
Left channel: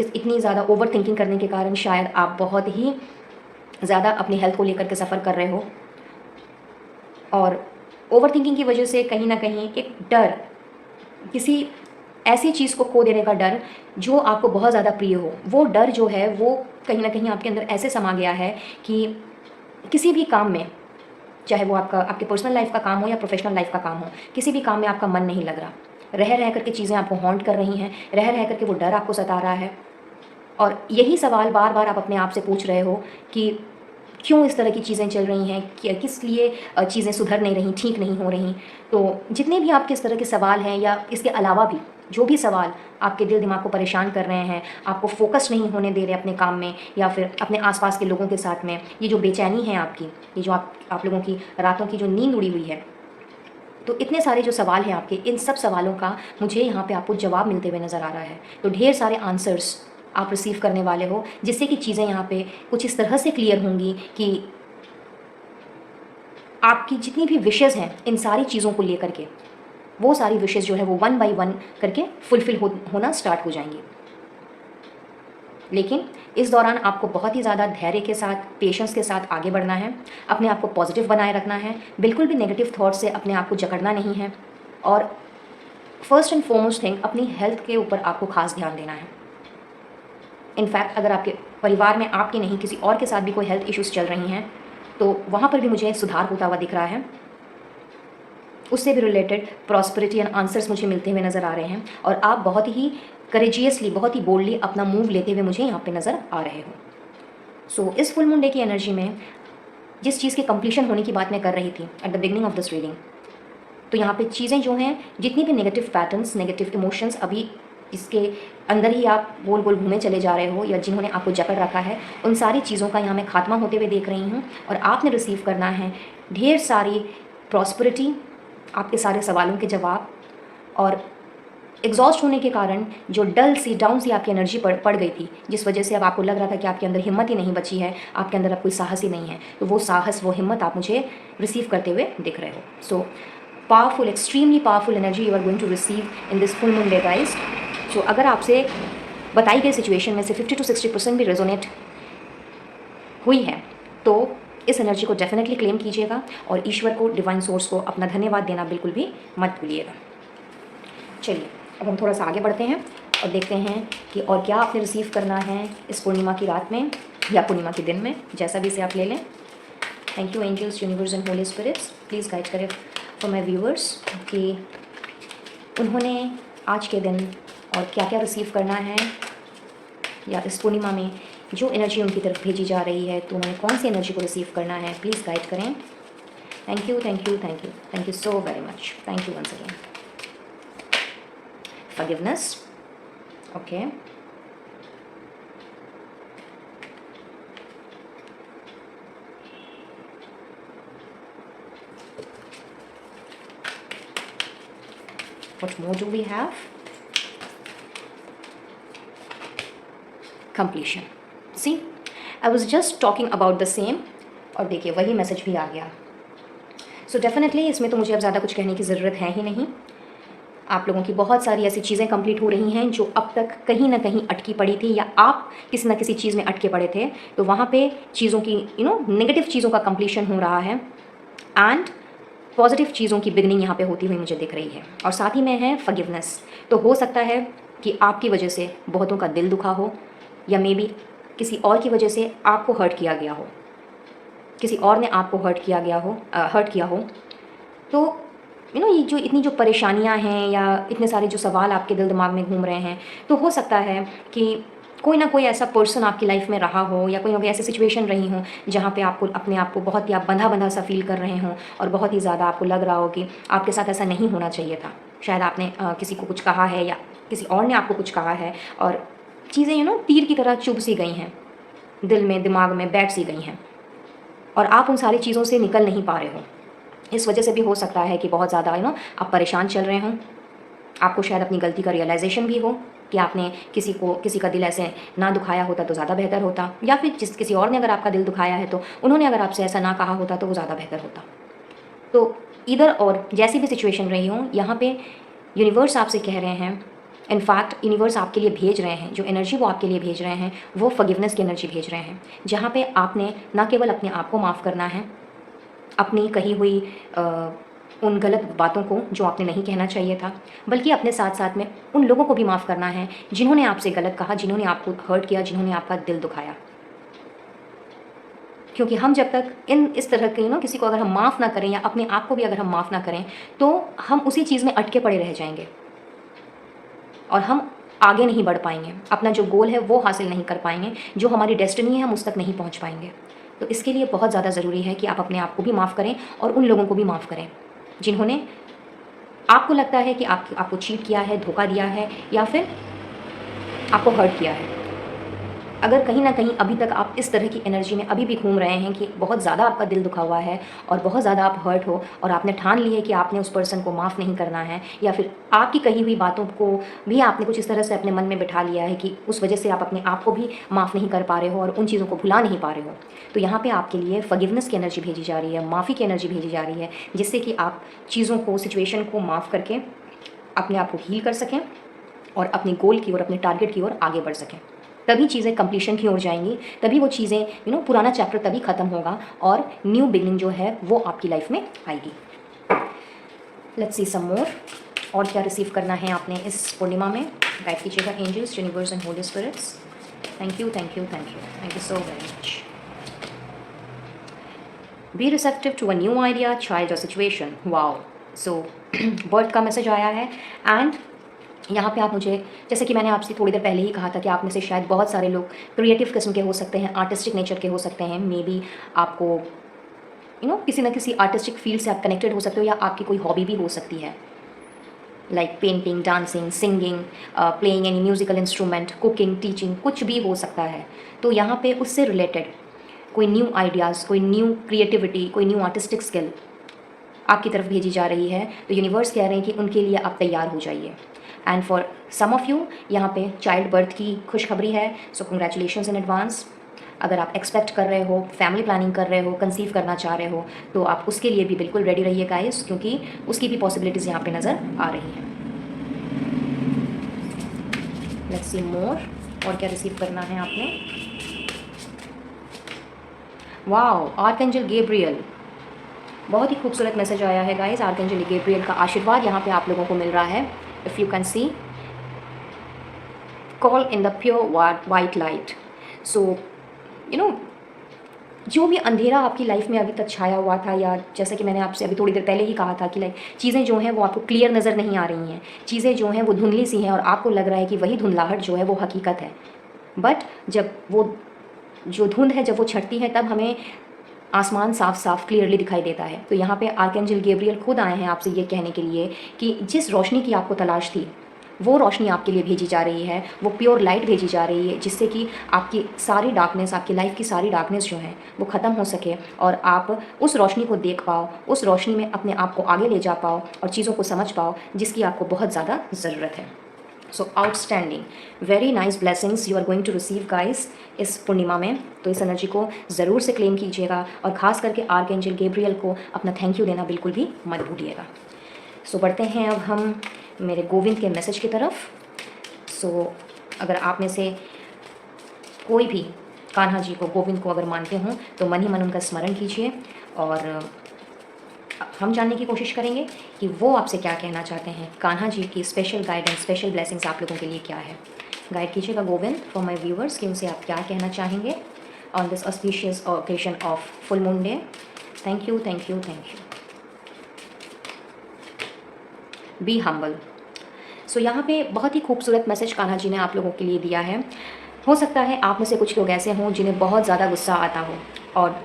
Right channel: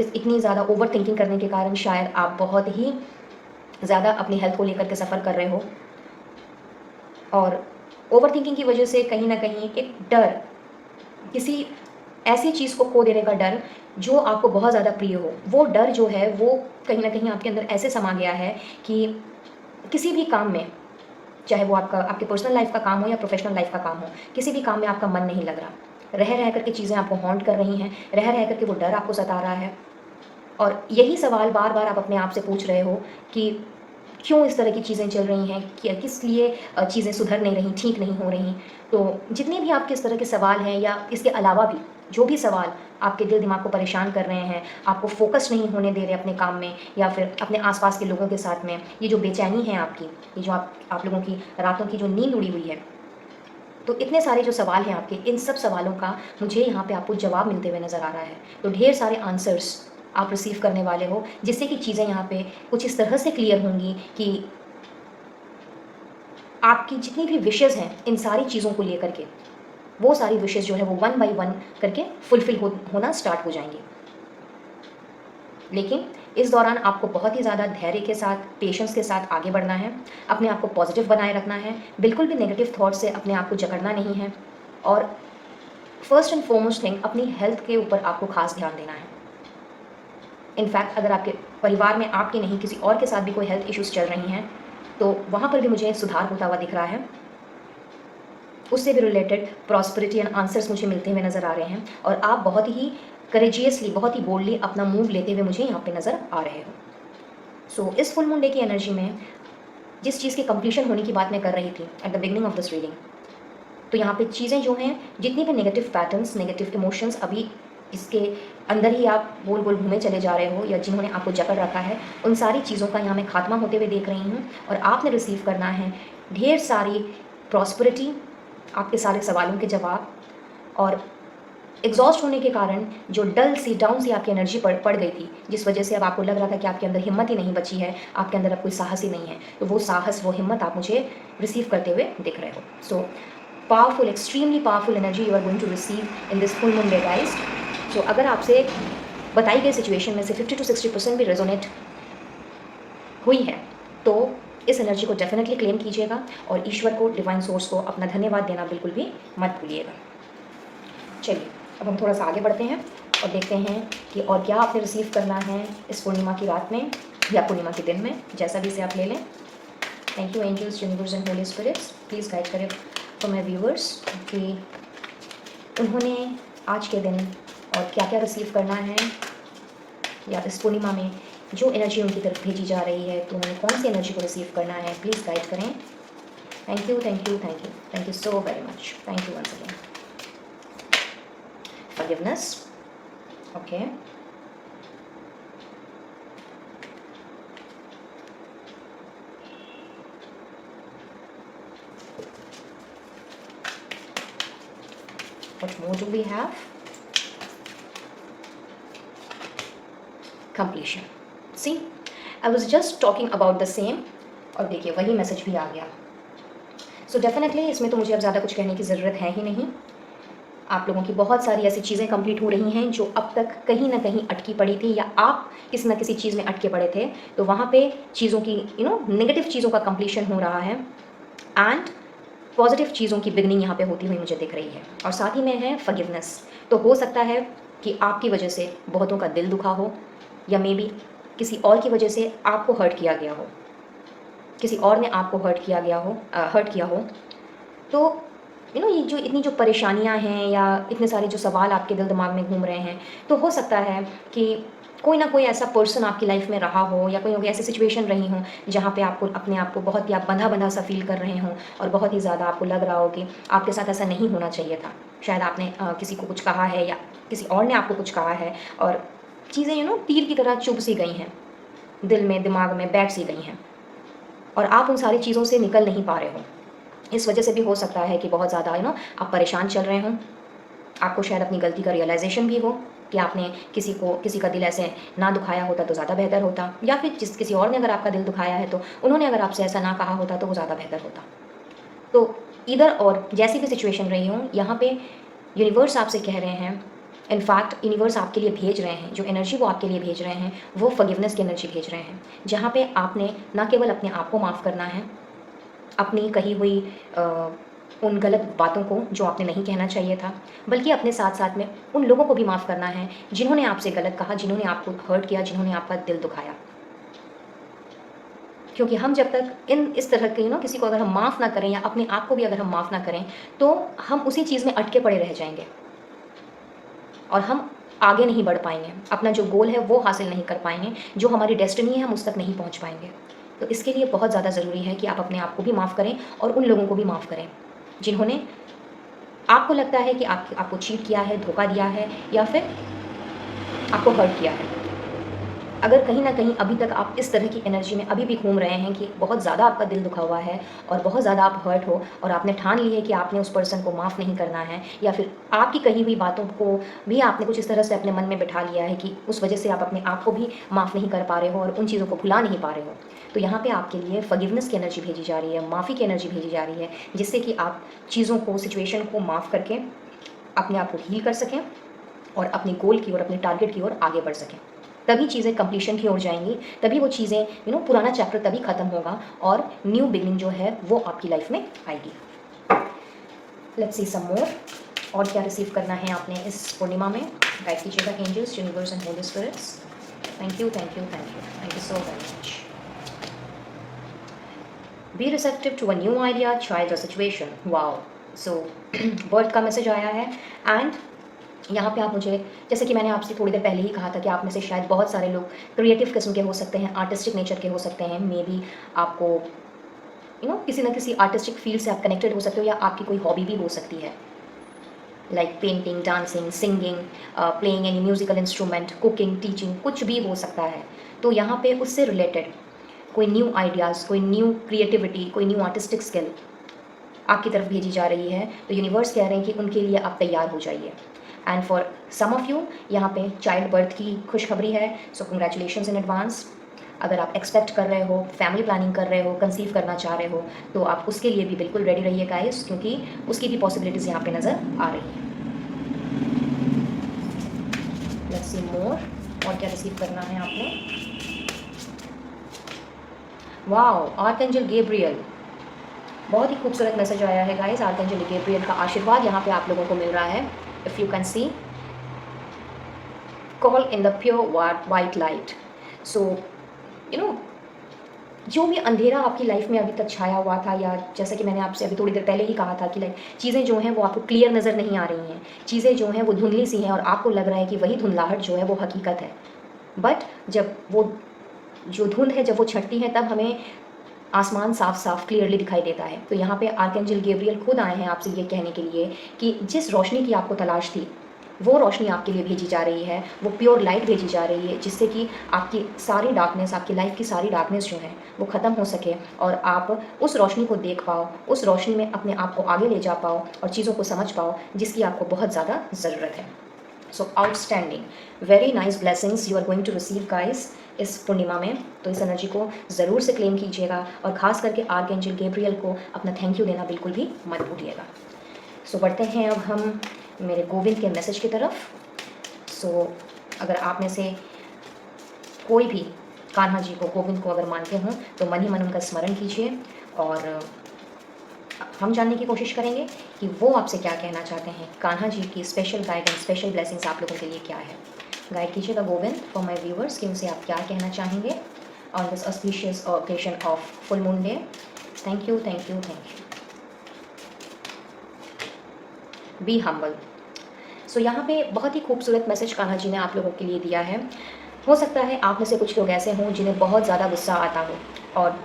इतनी ज़्यादा ओवर थिंकिंग करने के कारण शायद आप बहुत ही ज़्यादा अपनी हेल्थ को लेकर के सफ़र कर रहे हो, और ओवर थिंकिंग की वजह से कहीं ना कहीं एक डर, किसी ऐसी चीज़ को खो देने का डर जो आपको बहुत ज़्यादा प्रिय हो, वो डर जो है वो कहीं ना कहीं आपके अंदर ऐसे समा गया है कि किसी भी काम में, चाहे वो आपके पर्सनल लाइफ का काम हो या प्रोफेशनल लाइफ का काम हो, किसी भी काम में आपका मन नहीं लग रहा। रह करके चीज़ें आपको हॉन्ट कर रही हैं, रह करके वो डर आपको सता रहा है, और यही सवाल बार बार आप अपने आप से पूछ रहे हो कि क्यों इस तरह की चीज़ें चल रही हैं, कि किस लिए चीज़ें सुधर नहीं रही, ठीक नहीं हो रही। तो जितने भी आपके इस तरह के सवाल हैं, या इसके अलावा भी जो भी सवाल आपके दिल दिमाग को परेशान कर रहे हैं, आपको फोकस नहीं होने दे रहे अपने काम में या फिर अपने आसपास के लोगों के साथ में, ये जो बेचैनी है आपकी, ये जो आप लोगों की रातों की जो नींद उड़ी हुई है, तो इतने सारे जो सवाल हैं आपके, इन सब सवालों का मुझे यहाँ पे आपको जवाब मिलते हुए नज़र आ रहा है। तो ढेर सारे आंसर्स आप रिसीव करने वाले हो, जिससे कि चीज़ें यहाँ पे कुछ इस तरह से क्लियर होंगी कि आपकी जितनी भी विशेज़ हैं इन सारी चीज़ों को लेकर के, वो सारी विशेज़ जो है वो वन बाय वन करके फुलफ़िल होना स्टार्ट हो जाएंगी। लेकिन इस दौरान आपको बहुत ही ज़्यादा धैर्य के साथ, पेशेंस के साथ आगे बढ़ना है, अपने आप को पॉजिटिव बनाए रखना है, बिल्कुल भी नेगेटिव थॉट से अपने आप को जकड़ना नहीं है, और फर्स्ट एंड फॉरमोस्ट थिंग, अपनी हेल्थ के ऊपर आपको खास ध्यान देना है। इनफैक्ट अगर आपके परिवार में आपके नहीं किसी और के साथ भी कोई हेल्थ इश्यूज़ चल रही हैं, तो वहाँ पर भी मुझे सुधार होता हुआ दिख रहा है, उससे भी रिलेटेड प्रॉस्पेरिटी एंड आंसर्स मुझे मिलते हुए नज़र आ रहे हैं, और आप बहुत ही करेजियसली, बहुत ही बोल्डली अपना मूव लेते हुए मुझे यहाँ पे नज़र आ रहे हो। सो इस फुल मून डे की एनर्जी में जिस चीज़ की कंप्लीशन होने की बात मैं कर रही थी at the beginning of this reading, तो यहाँ पे चीज़ें जो हैं, जितनी भी नेगेटिव पैटर्न्स, नेगेटिव इमोशंस अभी इसके अंदर ही आप गोल गोल घूमे चले जा रहे हो, या जिन्होंने आपको जकड़ रखा है, उन सारी चीज़ों का यहाँ मैं खात्मा होते हुए देख रही हूँ, और आपने रिसीव करना है ढेर सारी प्रॉस्पेरिटी, आपके सारे सवालों के जवाब, और एग्जॉस्ट होने के कारण जो डल सी, डाउन सी आपकी एनर्जी पड़ गई थी, जिस वजह से अब आपको लग रहा था कि आपके अंदर हिम्मत ही नहीं बची है, आपके अंदर अब कोई साहस ही नहीं है, तो वो साहस, वो हिम्मत आप मुझे रिसीव करते हुए दिख रहे हो। So powerful, extremely powerful energy you are going to receive in this full moon day guys. So अगर आपसे बताई गई सिचुएशन में से 50 to 60% भी रेजोनेट हुई है, तो इस एनर्जी को डेफिनेटली क्लेम कीजिएगा, और ईश्वर को, डिवाइन सोर्स को अपना धन्यवाद देना बिल्कुल भी मत भूलिएगा। चलिए अब हम थोड़ा सा आगे बढ़ते हैं। और देखते हैं कि और क्या आपने रिसीव करना है इस पूर्णिमा की रात में या पूर्णिमा के दिन में, जैसा भी इसे आप ले लें। Thank you angels, universe and holy spirits, please guide करें फॉर माई व्यूवर्स कि उन्होंने आज के दिन और क्या क्या रिसीव करना है, या इस पूर्णिमा में जो एनर्जी उनकी तरफ भेजी जा रही है तो उन्हें कौन सी एनर्जी को रिसीव करना है, प्लीज़ गाइड करें। Thank you thank you thank you thank you so very much, thank you once again. Forgiveness, okay, what more do we have? Completion. See, I was just talking about the same, और देखिए वही message भी आ गया। So definitely इसमें तो मुझे अब ज़्यादा कुछ कहने की ज़रूरत है ही नहीं। आप लोगों की बहुत सारी ऐसी चीज़ें कंप्लीट हो रही हैं जो अब तक कहीं ना कहीं अटकी पड़ी थी, या आप किसी ना किसी चीज़ में अटके पड़े थे, तो वहाँ पे चीज़ों की नेगेटिव चीज़ों का कंप्लीशन हो रहा है एंड पॉजिटिव चीज़ों की बिगनिंग यहाँ पे होती हुई मुझे दिख रही है। और साथ ही में है फॉरगिवनेस। तो हो सकता है कि आपकी वजह से बहुतों का दिल दुखा हो, या मे बी किसी और की वजह से आपको हर्ट किया गया हो, किसी और ने आपको हर्ट किया हो। तो ये जो इतनी जो परेशानियां हैं या इतने सारे जो सवाल आपके दिल दिमाग में घूम रहे हैं, तो हो सकता है कि कोई ना कोई ऐसा पर्सन आपकी लाइफ में रहा हो, या कोई ऐसी सिचुएशन रही हो जहाँ पे आपको अपने आप को बहुत ही आप बंधा बंधा सा फील कर रहे हों, और बहुत ही ज़्यादा आपको लग रहा हो कि आपके साथ ऐसा नहीं होना चाहिए था। शायद आपने किसी को कुछ कहा है, या किसी और ने आपको कुछ कहा है, और चीज़ें तीर की तरह चुभ सी गई हैं, दिल में दिमाग में बैठ सी गई हैं, और आप उन सारी चीज़ों से निकल नहीं पा रहे हो। इस वजह से भी हो सकता है कि बहुत ज़्यादा आप परेशान चल रहे हों। आपको शायद अपनी गलती का रियलाइजेशन भी हो कि आपने किसी का दिल ऐसे ना दुखाया होता तो ज़्यादा बेहतर होता, या फिर किसी और ने अगर आपका दिल दुखाया है तो उन्होंने अगर आपसे ऐसा ना कहा होता तो वो ज़्यादा बेहतर होता। तो इधर और जैसी भी सिचुएशन रही हो, यहाँ पे यूनिवर्स आपसे कह रहे हैं, इनफैक्ट यूनिवर्स आपके लिए भेज रहे हैं, जो एनर्जी वो आपके लिए भेज रहे हैं वो फॉरगिवनेस की एनर्जी भेज रहे हैं, जहाँ पे आपने ना केवल अपने आप को माफ़ करना है, अपनी कही हुई उन गलत बातों को जो आपने नहीं कहना चाहिए था, बल्कि अपने साथ साथ में उन लोगों को भी माफ़ करना है जिन्होंने आपसे गलत कहा, जिन्होंने आपको हर्ट किया, जिन्होंने आपका दिल दुखाया। क्योंकि हम जब तक इस तरह के किसी को अगर हम माफ़ ना करें, या अपने आप को भी अगर हम माफ़ ना करें, तो हम उसी चीज़ में अटके पड़े रह जाएंगे और हम आगे नहीं बढ़ पाएंगे, अपना जो गोल है वो हासिल नहीं कर पाएंगे, जो हमारी डेस्टिनी है हम उस तक नहीं पहुंच पाएंगे। तो इसके लिए बहुत ज़्यादा ज़रूरी है कि आप अपने आप को भी माफ़ करें और उन लोगों को भी माफ़ करें जिन्होंने आपको लगता है कि आपको चीट किया है, धोखा दिया है, या फिर आपको हर्ट किया है। अगर कहीं ना कहीं अभी तक आप इस तरह की एनर्जी में अभी भी घूम रहे हैं कि बहुत ज़्यादा आपका दिल दुखा हुआ है और बहुत ज़्यादा आप हर्ट हो, और आपने ठान ली है कि आपने उस पर्सन को माफ़ नहीं करना है, या फिर आपकी कही हुई बातों को भी आपने कुछ इस तरह से अपने मन में बिठा लिया है कि उस वजह से आप अपने आप को भी माफ़ नहीं कर पा रहे हो और उन चीज़ों को भुला नहीं पा रहे हो, तो यहाँ पर आपके लिए फॉरगिवनेस की एनर्जी भेजी जा रही है, माफ़ी की एनर्जी भेजी जा रही है, जिससे कि आप चीज़ों को, सिचुएशन को माफ़ करके अपने आप को हील कर सकें और अपने गोल की ओर, अपने टारगेट की ओर आगे बढ़ सकें। तभी चीज़ें कंप्लीशन की ओर जाएंगी, तभी वो चीज़ें पुराना चैप्टर तभी ख़त्म होगा और न्यू बिगनिंग जो है वो आपकी लाइफ में आएगी। लेट्स सी सम मोर, और क्या रिसीव करना है आपने इस पूर्णिमा में। गाइड कीजिएगा angels, universe and holy spirits. Thank you thank you thank you thank you so very much. Be receptive to a new idea, child और सिचुएशन। वाओ, सो बर्थ का मैसेज आया है, एंड यहाँ पे आप मुझे, जैसे कि मैंने आपसे थोड़ी देर पहले ही कहा था कि आप में से शायद बहुत सारे लोग क्रिएटिव किस्म के हो सकते हैं, आर्टिस्टिक नेचर के हो सकते हैं, मे बी आपको किसी न किसी आर्टिस्टिक फील्ड से आप कनेक्टेड हो सकते हो, या आपकी कोई हॉबी भी हो सकती है, like painting, dancing, singing, playing any musical instrument, cooking, teaching, कुछ भी हो सकता है। तो यहाँ पे उससे रिलेटेड कोई न्यू आइडियाज़, कोई न्यू क्रिएटिविटी, कोई न्यू आर्टिस्टिक स्किल आपकी तरफ भेजी जा रही है, तो यूनिवर्स कह रहे हैं कि उनके लिए आप तैयार हो जाइए। And for some of you यहाँ पे चाइल्ड बर्थ की खुशखबरी है, सो कंग्रेचुलेशंस इन एडवांस। अगर आप एक्सपेक्ट कर रहे हो, फैमिली प्लानिंग कर रहे हो, कंसीव करना चाह रहे हो, तो आप उसके लिए भी बिल्कुल रेडी रहिए गाइस, क्योंकि उसकी भी पॉसिबिलिटीज़ यहाँ पे नज़र आ रही हैं। लेट्स सी मोर, और क्या रिसीव करना है आपने। वाओ, आर्कएंजल गैब्रियल, बहुत ही खूबसूरत मैसेज आया है गाइस। आर्कएंजल गैब्रियल का आशीर्वाद यहाँ पे आप लोगों को मिल रहा है, if you can see. call in the pure white light. So you know, जो भी अंधेरा आपकी लाइफ में अभी तक छाया हुआ था, या जैसा कि मैंने आपसे अभी थोड़ी देर पहले ही कहा था कि लाइक चीज़ें जो हैं वो आपको क्लियर नज़र नहीं आ रही हैं, चीज़ें जो हैं वो धुंधली सी हैं और आपको लग रहा है कि वही धुंधलाहट जो है वो हकीकत है। बट जब वो जो धुंध है जब वो छटती है तब हमें आसमान साफ साफ क्लियरली दिखाई देता है। तो यहाँ पे आर्कएंजल गैब्रियल खुद आए हैं आपसे ये कहने के लिए कि जिस रोशनी की आपको तलाश थी वो रोशनी आपके लिए भेजी जा रही है, वो प्योर लाइट भेजी जा रही है, जिससे कि आपकी सारी डार्कनेस, आपकी लाइफ की सारी डार्कनेस जो है वो ख़त्म हो सके और आप उस रोशनी को देख पाओ, उस रोशनी में अपने आप को आगे ले जा पाओ और चीज़ों को समझ पाओ जिसकी आपको बहुत ज़्यादा ज़रूरत है। So outstanding, very nice blessings you are going to receive guys इस पूर्णिमा में। तो इस एनर्जी को ज़रूर से क्लेम कीजिएगा और ख़ास करके आर्कएंजल गैब्रियल को अपना थैंक यू देना बिल्कुल भी मत भूलिएगा। सो बढ़ते हैं अब हम मेरे गोविंद के मैसेज की तरफ। सो अगर आप में से कोई भी कान्हा जी को, गोविंद को अगर मानते हों तो मन ही मन उनका स्मरण कीजिए और हम जानने की कोशिश करेंगे कि वो आपसे क्या कहना चाहते हैं। कान्हा जी की स्पेशल गाइडेंस, स्पेशल ब्लेसिंग्स आप लोगों के लिए क्या है। गाइड कीजिएगा गोविंद फॉर माय व्यूअर्स कि उनसे आप क्या कहना चाहेंगे on this auspicious occasion of full moon day. Thank you, thank you, thank you. Be humble. So यहाँ पे बहुत ही खूबसूरत मैसेज कान्हा जी ने आप लोगों के लिए दिया है। हो सकता है आप में से कुछ लोग ऐसे हों जिन्हें बहुत ज़्यादा गुस्सा आता हो और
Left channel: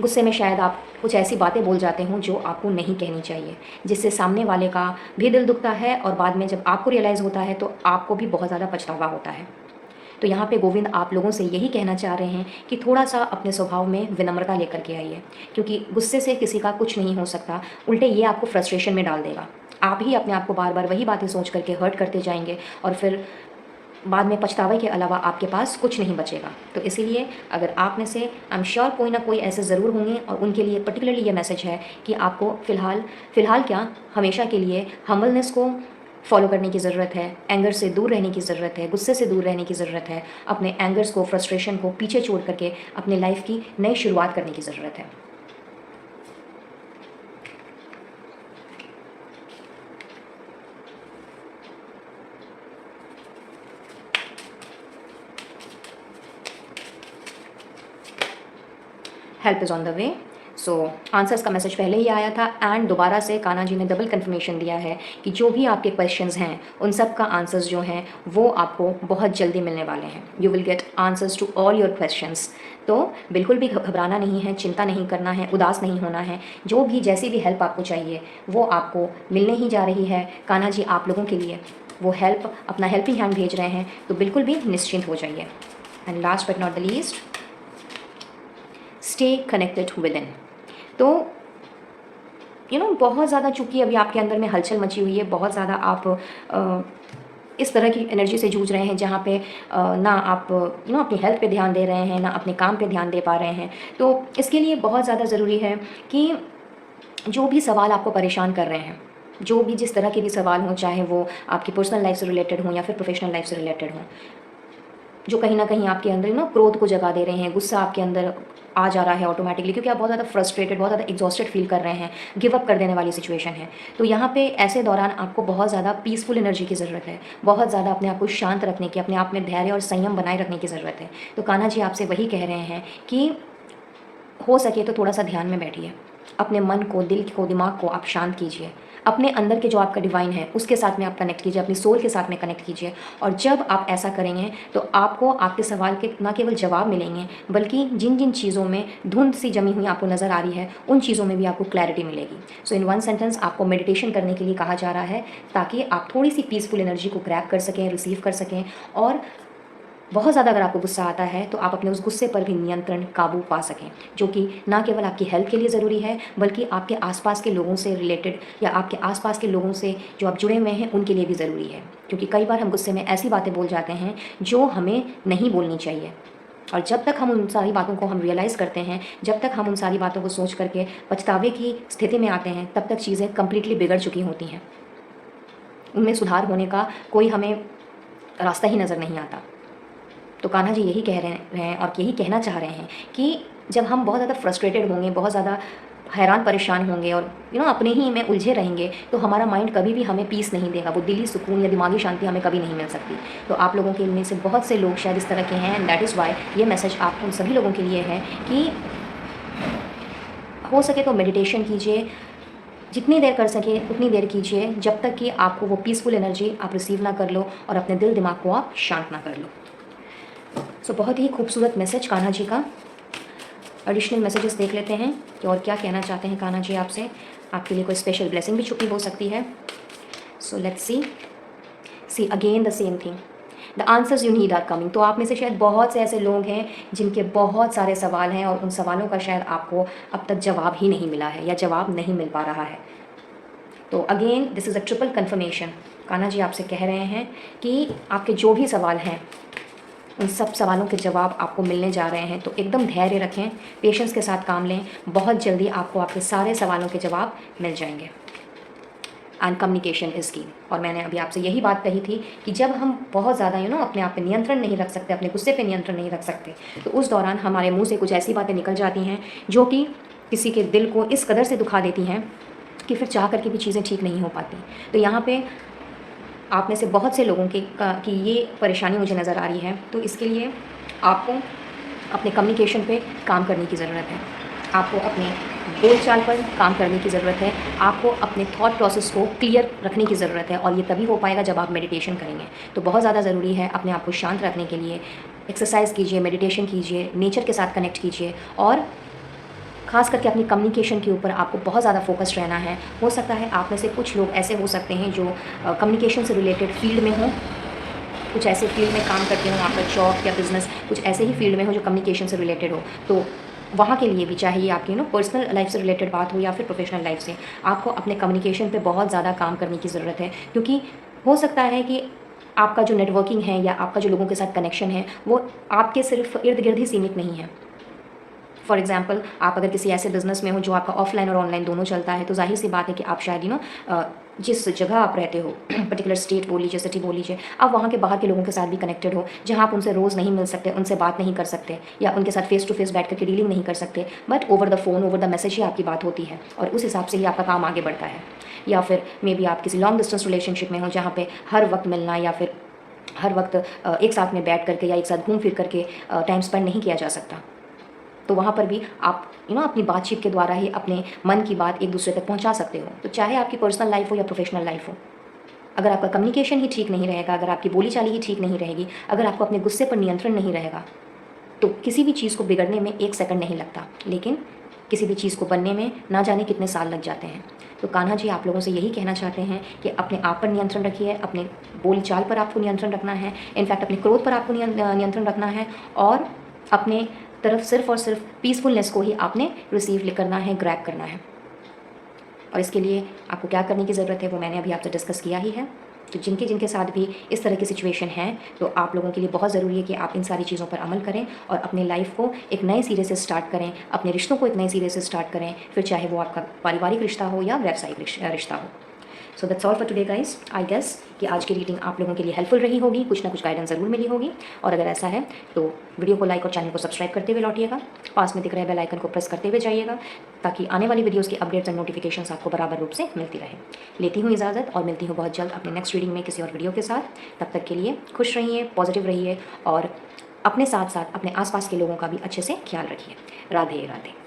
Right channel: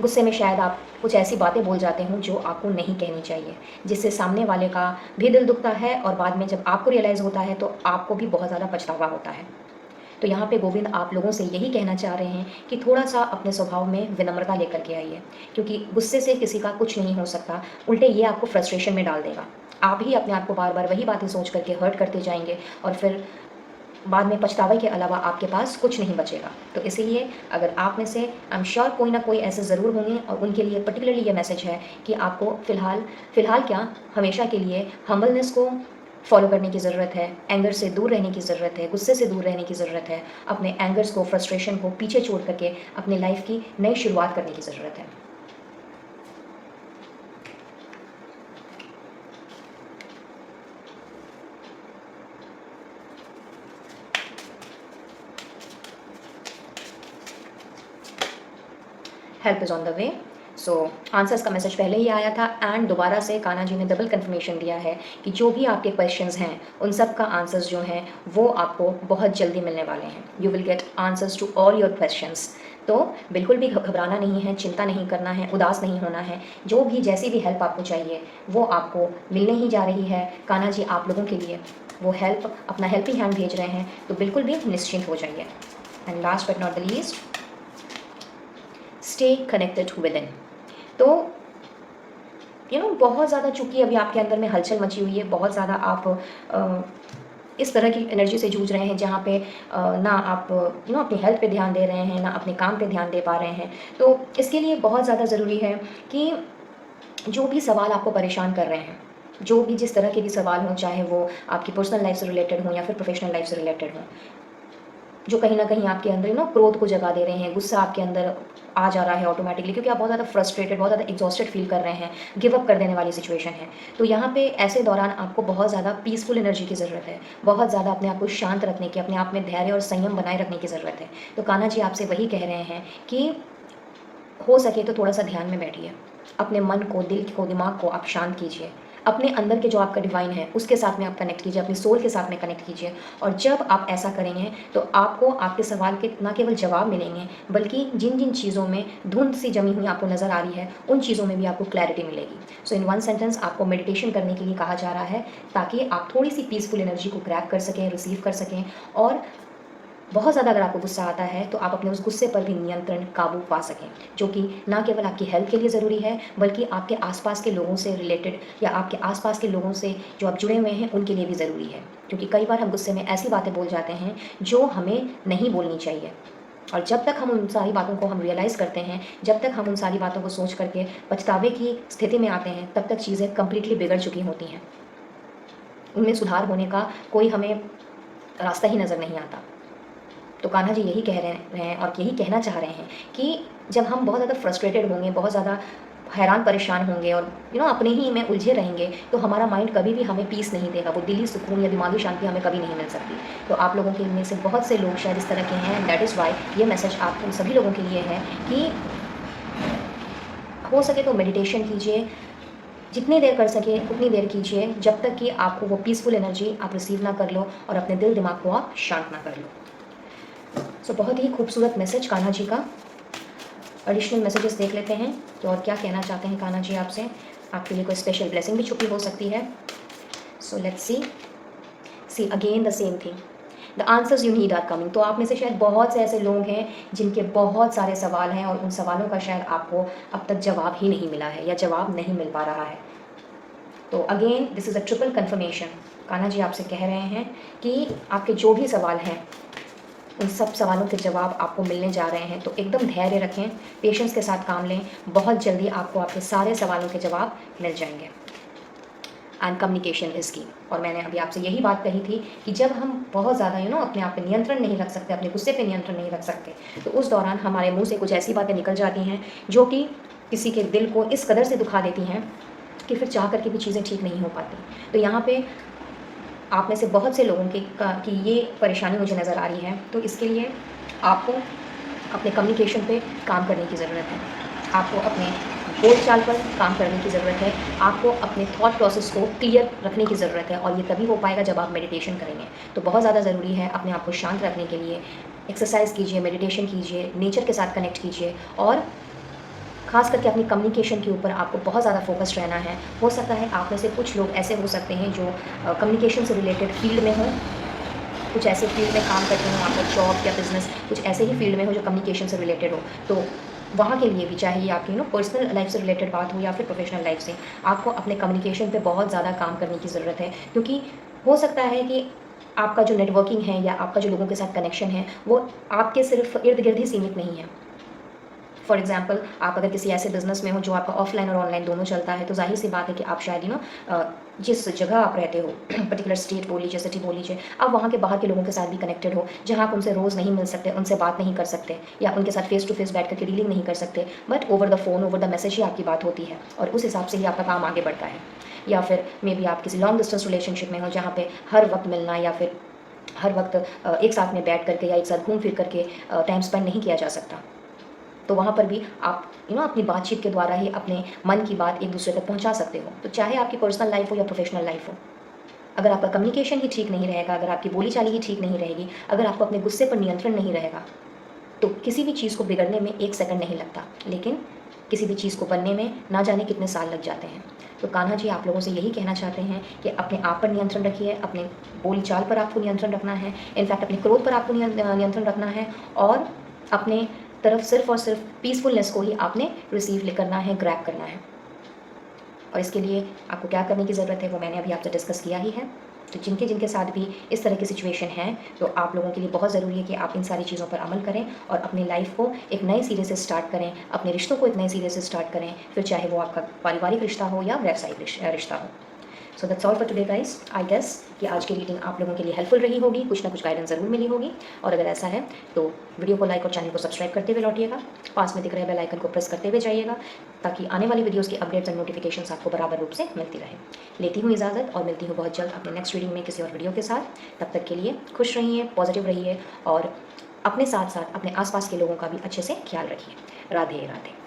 गुस्से में शायद आप कुछ ऐसी बातें बोल जाते हों जो आपको नहीं कहनी चाहिए, जिससे सामने वाले का भी दिल दुखता है और बाद में जब आपको रियलाइज़ होता है तो आपको भी बहुत ज़्यादा पछतावा होता है। तो यहाँ पे गोविंद आप लोगों से यही कहना चाह रहे हैं कि थोड़ा सा अपने स्वभाव में विनम्रता लेकर के आइए, क्योंकि गुस्से से किसी का कुछ नहीं हो सकता, उल्टे ये आपको फ्रस्ट्रेशन में डाल देगा। आप ही अपने आप को बार बार वही बातें सोच करके हर्ट करते जाएंगे और फिर बाद में पछतावे के अलावा आपके पास कुछ नहीं बचेगा। तो इसीलिए अगर आप में से आई एम श्योर कोई ना कोई ऐसे ज़रूर होंगे और उनके लिए पर्टिकुलरली ये मैसेज है कि आपको फ़िलहाल क्या हमेशा के लिए हम्बलनेस को फॉलो करने की ज़रूरत है, एंगर से दूर रहने की ज़रूरत है, गुस्से से दूर रहने की ज़रूरत है, अपने एंगर्स को, फ्रस्ट्रेशन को पीछे छोड़ करके अपने लाइफ की नई शुरुआत करने की ज़रूरत है। Help is on the way. So answers का मैसेज पहले ही आया था एंड दोबारा से कान्हा जी ने डबल कन्फर्मेशन दिया है कि जो भी आपके क्वेश्चंस हैं उन सब का आंसर्स जो हैं वो आपको बहुत जल्दी मिलने वाले हैं। You will get answers to all your questions. तो बिल्कुल भी घबराना नहीं है, चिंता नहीं करना है, उदास नहीं होना है। जो भी जैसी भी हेल्प आपको चाहिए वो आपको मिलने ही जा रही है। कान्हा जी आप लोगों के लिए वो हेल्प, अपना हेल्पिंग हैंड भेज रहे हैं, तो बिल्कुल भी निश्चिंत हो जाइए। And last but not the least, stay connected with in. तो बहुत ज़्यादा चूँकि अभी आपके अंदर में हलचल मची हुई है, बहुत ज़्यादा आप इस तरह की एनर्जी से जूझ रहे हैं जहाँ पे ना आप अपनी हेल्थ पे ध्यान दे रहे हैं, ना अपने काम पे ध्यान दे पा रहे हैं। तो इसके लिए बहुत ज़्यादा ज़रूरी है कि जो भी सवाल आपको परेशान कर रहे हैं, जो भी जिस तरह के भी सवाल हों, चाहे वो आपकी पर्सनल लाइफ से रिलेटेड हों या फिर प्रोफेशनल लाइफ से रिलेटेड हों, जो कहीं ना कहीं आपके अंदर क्रोध को जगा दे रहे हैं, गुस्सा आपके अंदर आ जा रहा है ऑटोमेटिकली, क्योंकि आप बहुत ज़्यादा फ्रस्ट्रेटेड, बहुत ज़्यादा एग्जॉस्टेड फील कर रहे हैं, गिव अप कर देने वाली सिचुएशन है। तो यहाँ पे ऐसे दौरान आपको बहुत ज़्यादा पीसफुल एनर्जी की ज़रूरत है, बहुत ज़्यादा अपने आप को शांत रखने की, अपने आप में धैर्य और संयम बनाए रखने की ज़रूरत है। तो कान्हा जी आपसे वही कह रहे हैं कि हो सके तो थोड़ा सा ध्यान में बैठिए, अपने मन को, दिल को, दिमाग को आप शांत कीजिए, अपने अंदर के जो आपका डिवाइन है उसके साथ में आप कनेक्ट कीजिए, अपनी सोल के साथ में कनेक्ट कीजिए। और जब आप ऐसा करेंगे तो आपको आपके सवाल के न केवल जवाब मिलेंगे, बल्कि जिन जिन चीज़ों में धुंध सी जमी हुई आपको नज़र आ रही है उन चीज़ों में भी आपको क्लैरिटी मिलेगी। सो इन वन सेंटेंस आपको मेडिटेशन करने के लिए कहा जा रहा है, ताकि आप थोड़ी सी पीसफुल एनर्जी को ग्रैब कर सकें, रिसीव कर सकें। और बहुत ज़्यादा अगर आपको गुस्सा आता है तो आप अपने उस गुस्से पर भी नियंत्रण, काबू पा सकें, जो कि ना केवल आपकी हेल्थ के लिए ज़रूरी है बल्कि आपके आसपास के लोगों से रिलेटेड या आपके आसपास के लोगों से जो आप जुड़े हुए हैं उनके लिए भी ज़रूरी है। क्योंकि कई बार हम गुस्से में ऐसी बातें बोल जाते हैं जो हमें नहीं बोलनी चाहिए, और जब तक हम उन सारी बातों को हम रियलाइज़ करते हैं, जब तक हम उन सारी बातों को सोच करके पछतावे की स्थिति में आते हैं, तब तक चीज़ें कम्प्लीटली बिगड़ चुकी होती हैं, उनमें सुधार होने का कोई हमें रास्ता ही नज़र नहीं आता। तो कान्हा जी यही कह रहे हैं और यही कहना चाह रहे हैं कि जब हम बहुत ज़्यादा फ्रस्ट्रेटेड होंगे, बहुत ज़्यादा हैरान परेशान होंगे और अपने ही में उलझे रहेंगे, तो हमारा माइंड कभी भी हमें पीस नहीं देगा, वो दिली सुकून या दिमागी शांति हमें कभी नहीं मिल सकती। तो आप लोगों के में से बहुत से लोग शायद इस तरह के हैं, एंड दैट इज़ वाई ये मैसेज आप उन सभी लोगों के लिए है कि हो सके तो मेडिटेशन कीजिए, जितनी देर कर सके उतनी देर कीजिए, जब तक कि आपको वो पीसफुल एनर्जी आप रिसीव ना कर लो और अपने दिल दिमाग को आप शांत ना कर लो। सो बहुत ही खूबसूरत मैसेज कान्हा जी का। एडिशनल मैसेजेस देख लेते हैं कि और क्या कहना चाहते हैं कान्हा जी आपसे। आपके लिए कोई स्पेशल ब्लेसिंग भी छुपी हो सकती है। So let's see again the same thing, the answers you need are coming. तो आप में से शायद बहुत से ऐसे लोग हैं जिनके बहुत सारे सवाल हैं और उन सवालों का शायद आपको अब तक जवाब ही नहीं मिला है या जवाब नहीं मिल पा रहा है। तो again this is a triple confirmation. Kanha ji आपसे कह रहे हैं कि आपके जो भी सवाल हैं उन सब सवालों के जवाब आपको मिलने जा रहे हैं। तो एकदम धैर्य रखें, पेशेंस के साथ काम लें, बहुत जल्दी आपको आपके सारे सवालों के जवाब मिल जाएंगे। एंड कम्युनिकेशन इज़ की। और मैंने अभी आपसे यही बात कही थी कि जब हम बहुत ज़्यादा अपने आप पे नियंत्रण नहीं रख सकते, अपने गुस्से पे नियंत्रण नहीं रख सकते, तो उस दौरान हमारे मुंह से कुछ ऐसी बातें निकल जाती हैं जो कि किसी के दिल को इस कदर से दुखा देती हैं कि फिर चाह करके भी चीज़ें ठीक नहीं हो पाती। तो यहाँ पे आप में से बहुत से लोगों की ये परेशानी मुझे नज़र आ रही है। तो इसके लिए आपको अपने कम्युनिकेशन पे काम करने की ज़रूरत है, आपको अपने बोलचाल पर काम करने की ज़रूरत है, आपको अपने थॉट प्रोसेस को क्लियर रखने की ज़रूरत है। और ये तभी हो पाएगा जब आप मेडिटेशन करेंगे। तो बहुत ज़्यादा ज़रूरी है अपने आप को शांत रखने के लिए एक्सरसाइज कीजिए, मेडिटेशन कीजिए, नेचर के साथ कनेक्ट कीजिए और खास करके अपनी कम्युनिकेशन के ऊपर आपको बहुत ज़्यादा फोकस्ड रहना है। हो सकता है आप में से कुछ लोग ऐसे हो सकते हैं जो कम्युनिकेशन से रिलेटेड फील्ड में हों, कुछ ऐसे फील्ड में काम करते हो, आपका जॉब या बिजनेस कुछ ऐसे ही फील्ड में हो जो कम्युनिकेशन से रिलेटेड हो। तो वहाँ के लिए भी चाहिए आपकी पर्सनल लाइफ से रिलेटेड बात हो या फिर प्रोफेशनल लाइफ से, आपको अपने कम्युनिकेशन पे बहुत ज़्यादा काम करने की ज़रूरत है। क्योंकि हो सकता है कि आपका जो नेटवर्किंग है या आपका जो लोगों के साथ कनेक्शन है वो आपके सिर्फ इर्द गिर्द ही सीमित नहीं है। फॉर एग्जाम्पल, आप अगर किसी ऐसे बिजनेस में हो जो आपका ऑफलाइन और ऑनलाइन दोनों चलता है, तो जाहिर सी बात है कि आप शायद जिस जगह आप रहते हो, पर्टिकुलर स्टेट बोल लीजिए, सिटी बोल लीजिए, आप वहाँ के बाहर के लोगों के साथ भी कनेक्टेड हो, जहाँ आप उनसे रोज़ नहीं मिल सकते, उनसे बात नहीं कर सकते या उनके साथ फेस टू फेस बैठ करके डीलिंग नहीं कर सकते, but over the phone, over the message ही आपकी बात होती है और उस हिसाब से ही आपका काम आगे बढ़ता है। या फिर मे बी आप किसी लॉन्ग डिस्टेंस रिलेशनशिप में हो जहाँ पे हर वक्त मिलना या फिर हर वक्त एक साथ में बैठ करके या एक साथ घूम फिर करके टाइम स्पेंड नहीं किया जा सकता। तो वहाँ पर भी आप अपनी बातचीत के द्वारा ही अपने मन की बात एक दूसरे तक पहुँचा सकते हो। तो चाहे आपकी पर्सनल लाइफ हो या प्रोफेशनल लाइफ हो, अगर आपका कम्युनिकेशन ही ठीक नहीं रहेगा, अगर आपकी बोली चाली ही ठीक नहीं रहेगी, अगर आपको अपने गुस्से पर नियंत्रण नहीं रहेगा, तो किसी भी चीज़ को बिगड़ने में 1 सेकंड नहीं लगता, लेकिन किसी भी चीज़ को बनने में ना जाने कितने साल लग जाते हैं। तो कान्हा जी आप लोगों से यही कहना चाहते हैं कि अपने आप पर नियंत्रण रखिए, अपने बोलचाल पर आपको नियंत्रण रखना है, इनफैक्ट अपने क्रोध पर आपको नियंत्रण रखना है और अपने तरफ सिर्फ और सिर्फ पीसफुलनेस को ही आपने रिसीव करना है, ग्रैब करना है। और इसके लिए आपको क्या करने की ज़रूरत है वो मैंने अभी आपसे डिस्कस किया ही है। तो जिनके जिनके साथ भी इस तरह की सिचुएशन है, तो आप लोगों के लिए बहुत ज़रूरी है कि आप इन सारी चीज़ों पर अमल करें और अपनी लाइफ को एक नए सिरे से स्टार्ट करें, अपने रिश्तों को एक नए सिरे से स्टार्ट करें, फिर चाहे वो आपका पारिवारिक रिश्ता हो या व्यावसायिक रिश्ता हो। So that's all for today guys. I guess कि आज की रीडिंग आप लोगों के लिए हेल्पफुल रही होगी, कुछ ना कुछ गाइडेंस ज़रूर मिली होगी। और अगर ऐसा है तो वीडियो को लाइक और चैनल को सब्सक्राइब करते हुए लौटिएगा, पास में दिख रहे बेल आइकन को प्रेस करते हुए जाइएगा, ताकि आने वाली वीडियोज़ की अपडेट्स एंड नोटिफिकेशंस आपको बराबर रूप से मिलती रहे। लेती हूँ इजाज़त और मिलती हूँ बहुत जल्द अपने नेक्स्ट रीडिंग में किसी और वीडियो के साथ। तब तक के लिए खुश रहिए, पॉजिटिव रहिए और अपने साथ साथ अपने आसपास के लोगों का भी अच्छे से ख्याल रखिए। राधे राधे।